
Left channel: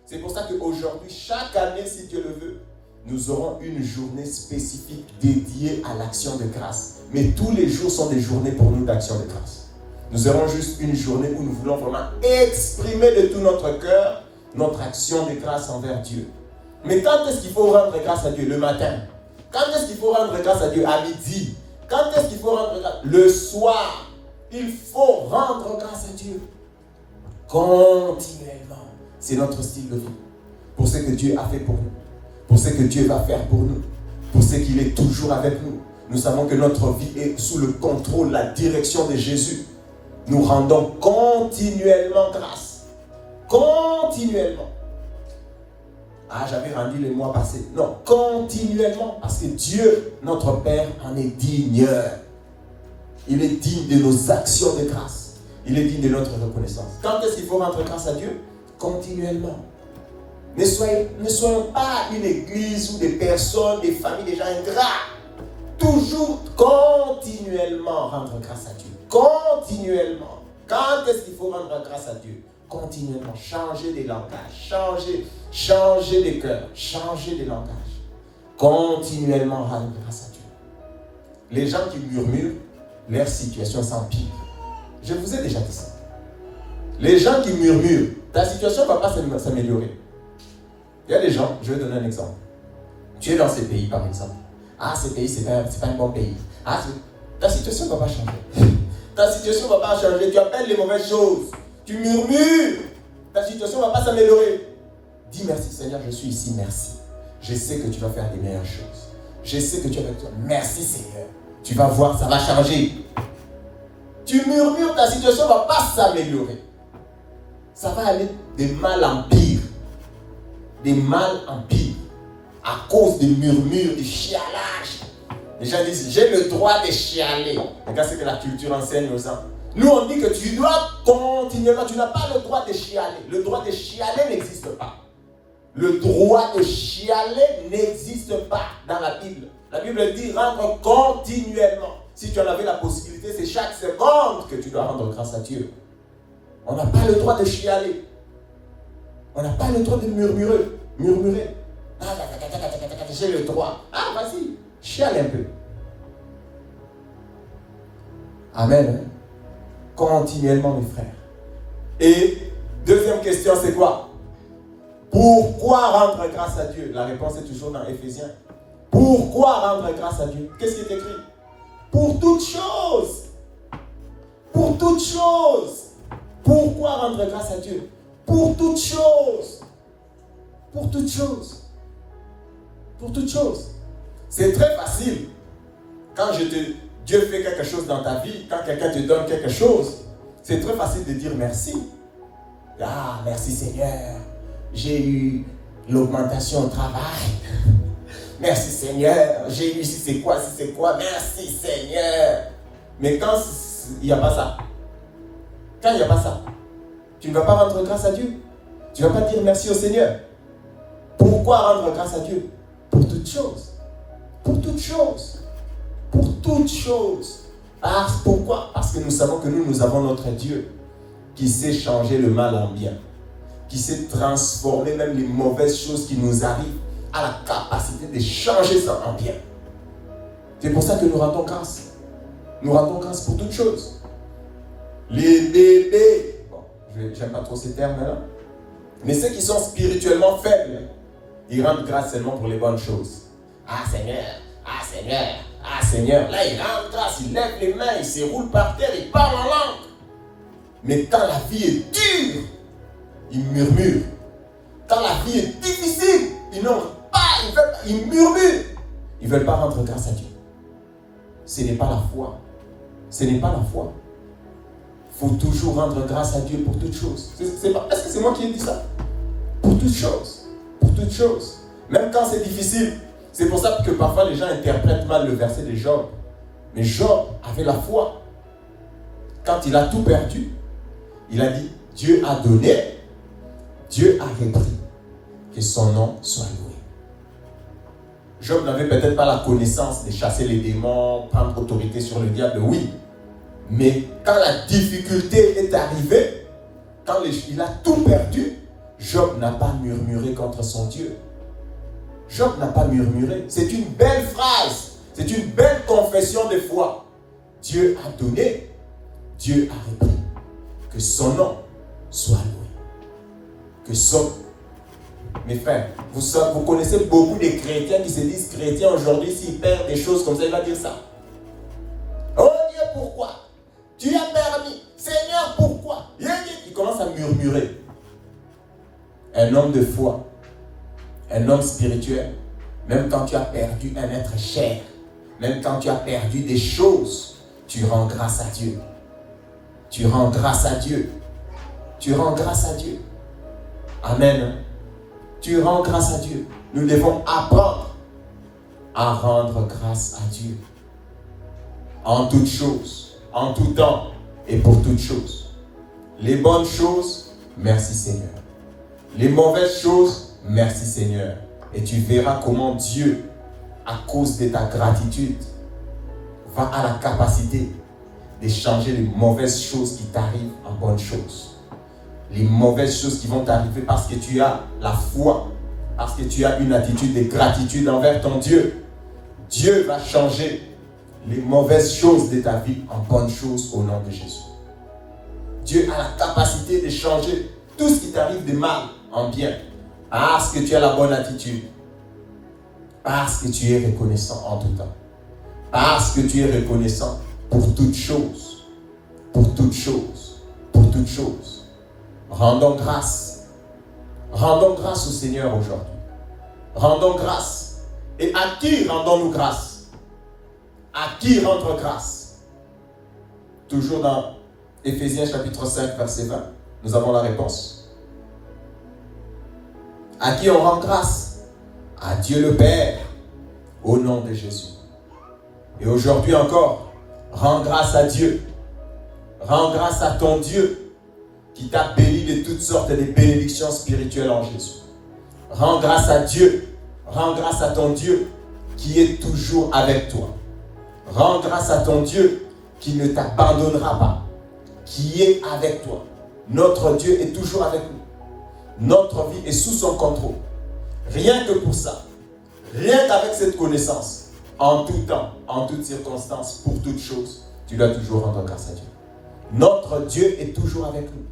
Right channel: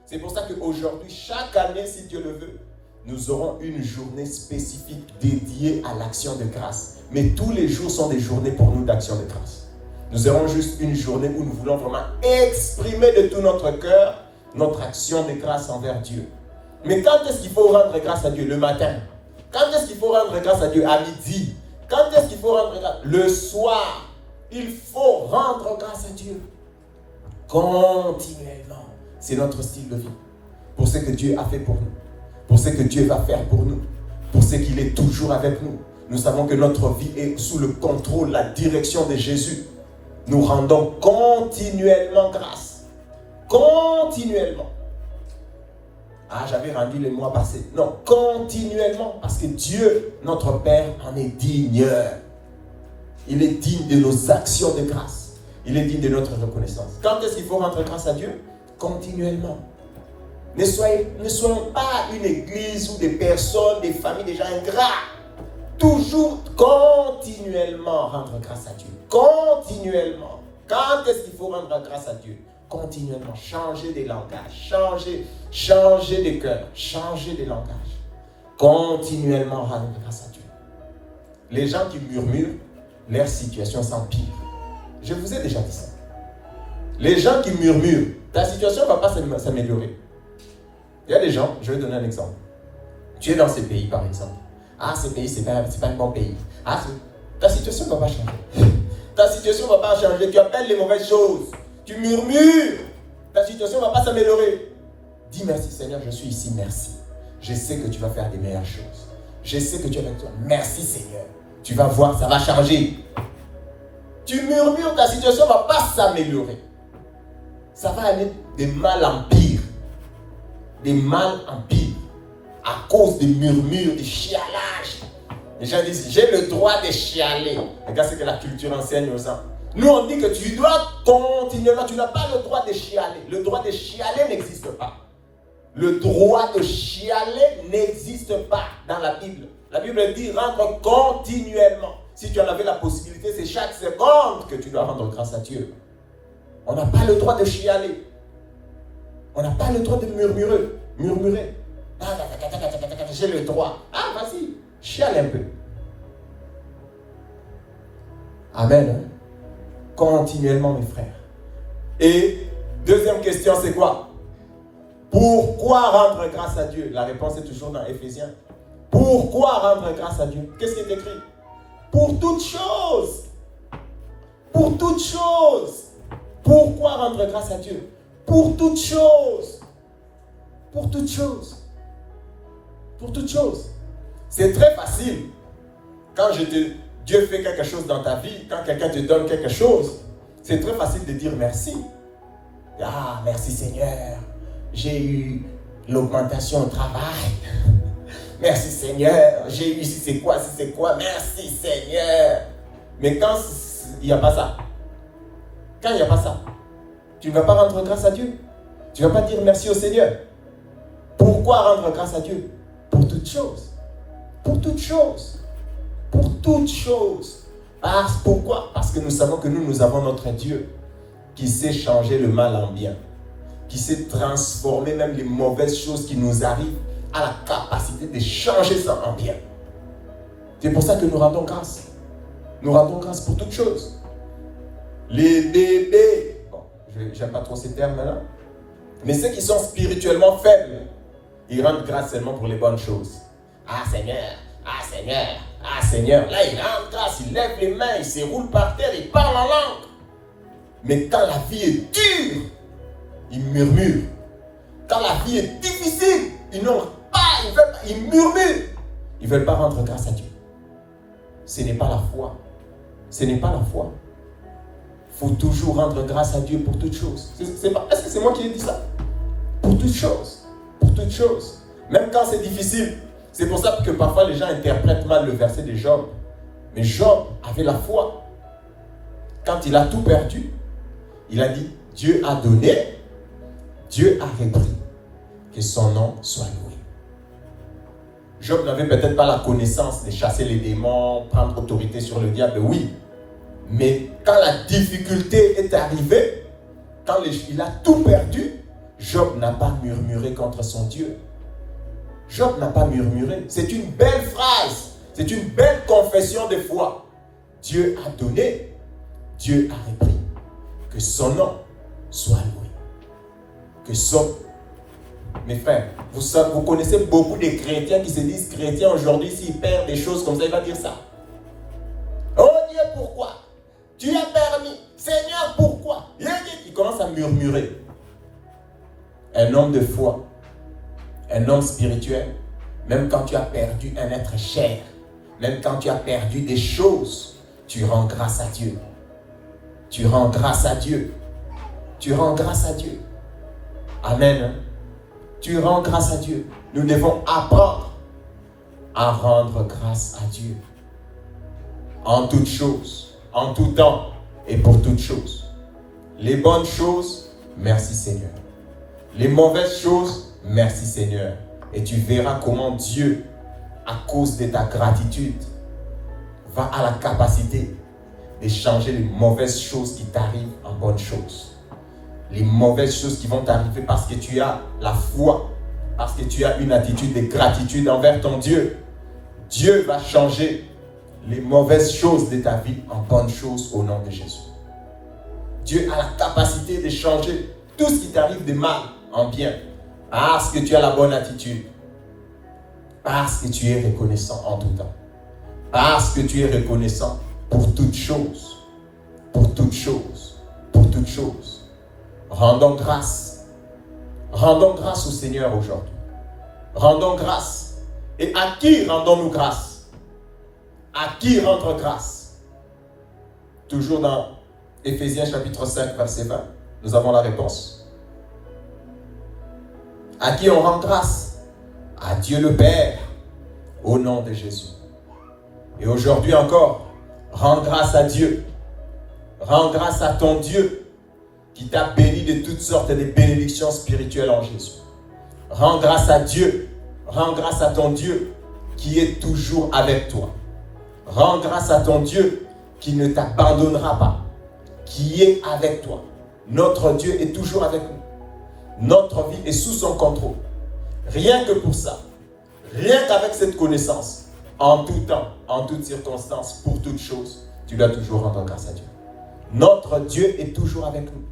C'est pour ça qu'aujourd'hui, chaque année, si Dieu le veut, nous aurons une journée spécifique dédiée à l'action de grâce. Mais tous les jours sont des journées pour nous d'action de grâce. Nous aurons juste une journée où nous voulons vraiment exprimer de tout notre cœur notre action de grâce envers Dieu. Mais quand est-ce qu'il faut rendre grâce à Dieu? Le matin. Quand est-ce qu'il faut rendre grâce à Dieu? À midi. Quand est-ce qu'il faut rendre grâce? Le soir. Il faut rendre grâce à Dieu. Continuellement. C'est notre style de vie. Pour ce que Dieu a fait pour nous. Pour ce que Dieu va faire pour nous. pour ce qu'il est toujours avec nous. Nous savons que notre vie est sous le contrôle, la direction de Jésus. Nous rendons continuellement grâce. Continuellement. Ah, j'avais rendu le mois passé. Non, continuellement. Parce que Dieu, notre Père, en est digne. Il est digne de nos actions de grâce. Il est digne de notre reconnaissance. Quand est-ce qu'il faut rendre grâce à Dieu? Continuellement. Ne soyons pas une église ou des personnes, des familles, des gens ingrats. Toujours continuellement rendre grâce à Dieu. Continuellement. Quand est-ce qu'il faut rendre grâce à Dieu? Continuellement. Changer des langages. Changer de cœur. Changer de langage. Continuellement rendre grâce à Dieu. Les gens qui murmurent, leur situation s'empire. Je vous ai déjà dit ça. Les gens qui murmurent, ta situation ne va pas s'améliorer. Il y a des gens, je vais donner un exemple. Tu es dans ces pays, par exemple. Ah, ce pays, c'est pas un bon pays. Ah, ta situation ne va pas changer. Ta situation ne va pas changer. Tu appelles les mauvaises choses. Tu murmures. Ta situation ne va pas s'améliorer. Dis merci Seigneur, je suis ici, merci. Je sais que tu vas faire des meilleures choses. Je sais que tu vas dire merci Seigneur. Tu vas voir, ça va changer. Tu murmures, ta situation ne va pas s'améliorer. Ça va aller de mal en pire. De mal en pire. À cause des murmures, des chialages. Les gens disent, j'ai le droit de chialer. Regarde ce que la culture enseigne aux gens. Nous, on dit que tu dois continuellement, tu n'as pas le droit de chialer. Le droit de chialer n'existe pas. Le droit de chialer n'existe pas dans la Bible. La Bible dit, rendre continuellement. Si tu en avais la possibilité, c'est chaque seconde que tu dois rendre grâce à Dieu. On n'a pas le droit de chialer. On n'a pas le droit de murmurer. Ah, j'ai le droit. Ah, vas-y, chiale un peu. Amen. Continuellement, mes frères. Et deuxième question, c'est quoi? Pourquoi rendre grâce à Dieu? La réponse est toujours dans Éphésiens. Pourquoi rendre grâce à Dieu? Qu'est-ce qui est écrit? Pour toutes choses. Pour toutes choses. Pourquoi rendre grâce à Dieu? Pour toutes choses. Pour toutes choses. Pour toutes choses. C'est très facile. Quand Dieu fait quelque chose dans ta vie, quand quelqu'un te donne quelque chose, c'est très facile de dire merci. Ah, merci Seigneur. J'ai eu l'augmentation au travail. Merci Seigneur. J'ai eu si c'est quoi. Merci Seigneur. Mais quand il n'y a pas ça, tu ne vas pas rendre grâce à Dieu. Tu ne vas pas dire merci au Seigneur. Pourquoi rendre grâce à Dieu? Pour toutes choses. Pour toutes choses. Pour toutes choses. Pourquoi? Parce que nous savons que nous avons notre Dieu qui sait changer le mal en bien, qui sait transformer même les mauvaises choses qui nous arrivent à la capacité de changer ça en bien. C'est pour ça que nous rendons grâce. Nous rendons grâce pour toutes choses. Les bébés, bon, j'aime pas trop ces termes-là, mais ceux qui sont spirituellement faibles, ils rendent grâce seulement pour les bonnes choses. Ah Seigneur, ah Seigneur, ah Seigneur. Là, il rend grâce, il lève les mains, il se roule par terre, il parle en langue. Mais quand la vie est dure, ils murmurent. Quand la vie est difficile, ils murmurent. Ils ne veulent pas rendre grâce à Dieu. Ce n'est pas la foi. Ce n'est pas la foi. Il faut toujours rendre grâce à Dieu pour toutes choses. Est-ce que c'est moi qui ai dit ça? Pour toutes choses. Pour toutes choses. Même quand c'est difficile. C'est pour ça que parfois les gens interprètent mal le verset de Job. Mais Job avait la foi. Quand il a tout perdu, il a dit, Dieu a donné, Dieu a repris. Que son nom soit loué. Job n'avait peut-être pas la connaissance de chasser les démons, prendre autorité sur le diable, oui. Mais quand la difficulté est arrivée, quand il a tout perdu, Job n'a pas murmuré contre son Dieu. Job n'a pas murmuré. C'est une belle phrase. C'est une belle confession de foi. Dieu a donné, Dieu a repris. Que son nom soit loué. Que son... Mes frères, vous connaissez beaucoup de chrétiens qui se disent chrétiens aujourd'hui, s'ils perdent des choses comme ça, ils vont dire ça. Oh Dieu, pourquoi? Tu as permis. Seigneur, pourquoi? Il commence à murmurer. Un homme de foi, un homme spirituel, même quand tu as perdu un être cher, même quand tu as perdu des choses, tu rends grâce à Dieu. Tu rends grâce à Dieu. Tu rends grâce à Dieu. Amen. Tu rends grâce à Dieu. Nous devons apprendre à rendre grâce à Dieu. En toutes choses, en tout temps et pour toutes choses. Les bonnes choses, merci Seigneur. Les mauvaises choses, merci Seigneur. Et tu verras comment Dieu, à cause de ta gratitude, va à la capacité de changer les mauvaises choses qui t'arrivent en bonnes choses. Les mauvaises choses qui vont t'arriver parce que tu as la foi, parce que tu as une attitude de gratitude envers ton Dieu. Dieu va changer les mauvaises choses de ta vie en bonnes choses au nom de Jésus. Dieu a la capacité de changer tout ce qui t'arrive de mal en bien parce que tu as la bonne attitude, parce que tu es reconnaissant en tout temps, parce que tu es reconnaissant pour toutes choses, pour toutes choses, pour toutes choses. Rendons grâce au Seigneur aujourd'hui. Rendons grâce. Et à qui rendons-nous grâce? À qui rendre grâce? Toujours dans Éphésiens chapitre 5, verset 20, nous avons la réponse. À qui on rend grâce? À Dieu le Père, au nom de Jésus. Et aujourd'hui encore, rends grâce à Dieu. Rends grâce à ton Dieu qui t'a béni de toutes sortes de bénédictions spirituelles en Jésus. Rends grâce à Dieu. Rends grâce à ton Dieu qui est toujours avec toi. Rends grâce à ton Dieu qui ne t'abandonnera pas, qui est avec toi. Notre Dieu est toujours avec nous. Notre vie est sous son contrôle. Rien que pour ça, rien qu'avec cette connaissance, en tout temps, en toutes circonstances, pour toutes choses, tu dois toujours rendre grâce à Dieu. Notre Dieu est toujours avec nous.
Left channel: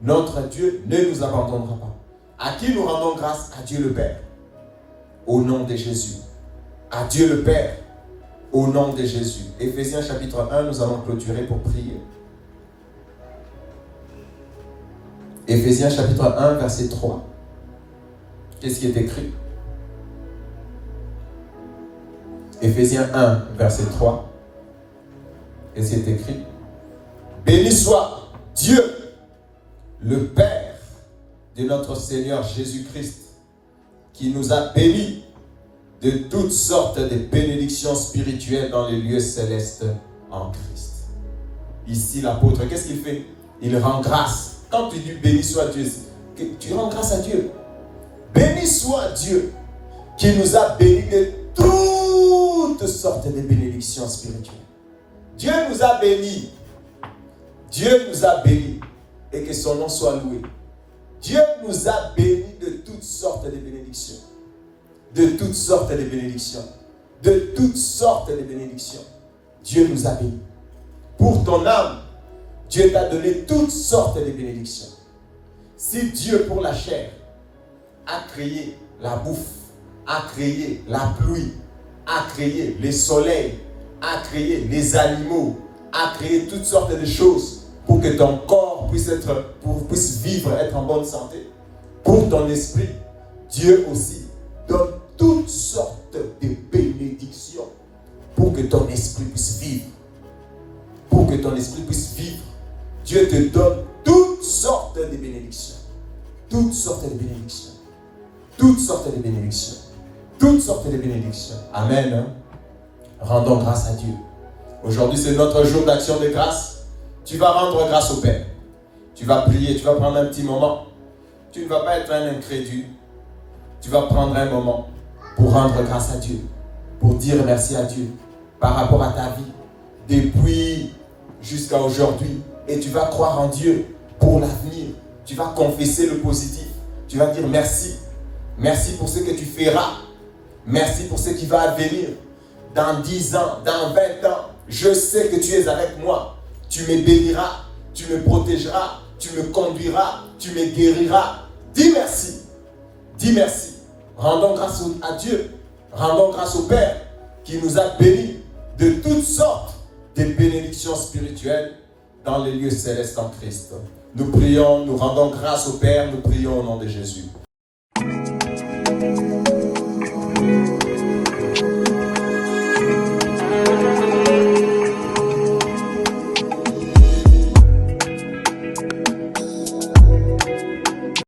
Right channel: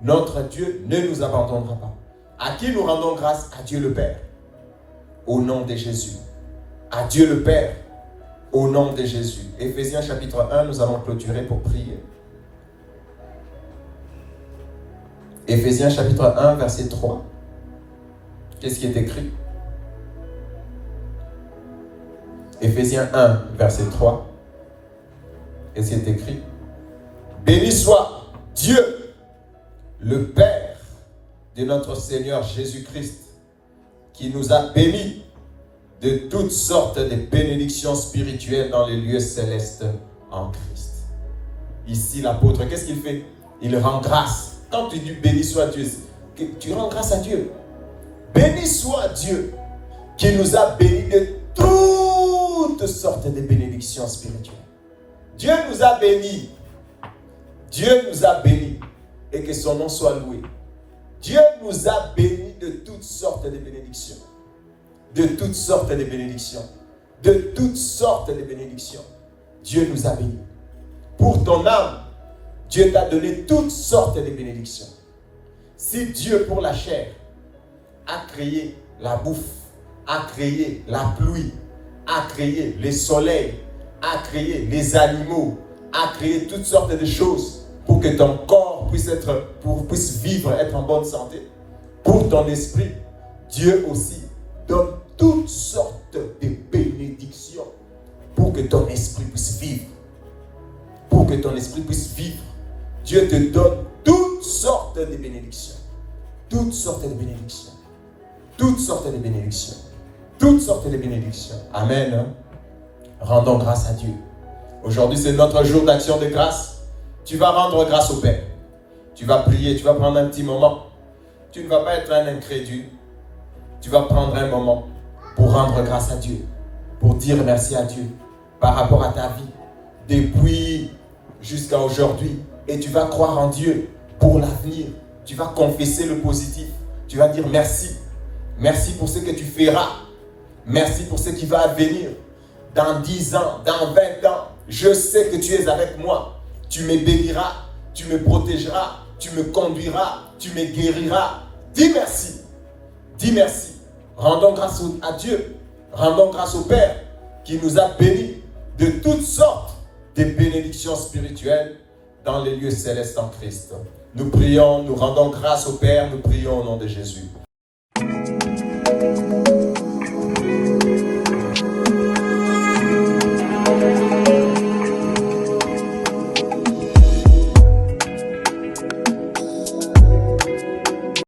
Notre Dieu ne nous abandonnera pas. À qui nous rendons grâce? À Dieu le Père, au nom de Jésus. À Dieu le Père, au nom de Jésus. Éphésiens chapitre 1, nous allons clôturer pour prier. Éphésiens chapitre 1, verset 3. Qu'est-ce qui est écrit? Éphésiens 1, verset 3. Qu'est-ce qui est écrit? Béni soit Dieu, le Père de notre Seigneur Jésus-Christ, qui nous a bénis de toutes sortes de bénédictions spirituelles dans les lieux célestes en Christ. Ici, l'apôtre, qu'est-ce qu'il fait? Il rend grâce. Quand tu dis béni soit Dieu, tu rends grâce à Dieu. Béni soit Dieu qui nous a bénis de toutes sortes de bénédictions spirituelles. Dieu nous a bénis. Dieu nous a bénis. Et que son nom soit loué. Dieu nous a bénis de toutes sortes de bénédictions. De toutes sortes de bénédictions. De toutes sortes de bénédictions. Dieu nous a bénis. Pour ton âme, Dieu t'a donné toutes sortes de bénédictions. Si Dieu, pour la chair, a créé la bouffe, a créé la pluie, a créé les soleils, a créé les animaux, a créé toutes sortes de choses pour que ton corps puisse vivre, être en bonne santé. Pour ton esprit, Dieu aussi donne toutes sortes de bénédictions pour que ton esprit puisse vivre. Pour que ton esprit puisse vivre. Dieu te donne toutes sortes de bénédictions. Toutes sortes de bénédictions. Toutes sortes de bénédictions. Toutes sortes de bénédictions. Amen. Rendons grâce à Dieu. Aujourd'hui, c'est notre jour d'action de grâce. Tu vas rendre grâce au Père. Tu vas prier, tu vas prendre un petit moment. Tu ne vas pas être un incrédule. Tu vas prendre un moment pour rendre grâce à Dieu. Pour dire merci à Dieu par rapport à ta vie. Depuis jusqu'à aujourd'hui. Et tu vas croire en Dieu pour l'avenir. Tu vas confesser le positif. Tu vas dire merci. Merci pour ce que tu feras. Merci pour ce qui va advenir. Dans 10 ans, dans 20 ans, je sais que tu es avec moi. Tu me béniras, tu me protégeras, tu me conduiras, tu me guériras. Dis merci. Dis merci. Rendons grâce à Dieu. Rendons grâce au Père qui nous a bénis de toutes sortes de bénédictions spirituelles dans les lieux célestes en Christ. Nous prions, nous rendons grâce au Père, nous prions au nom de Jésus.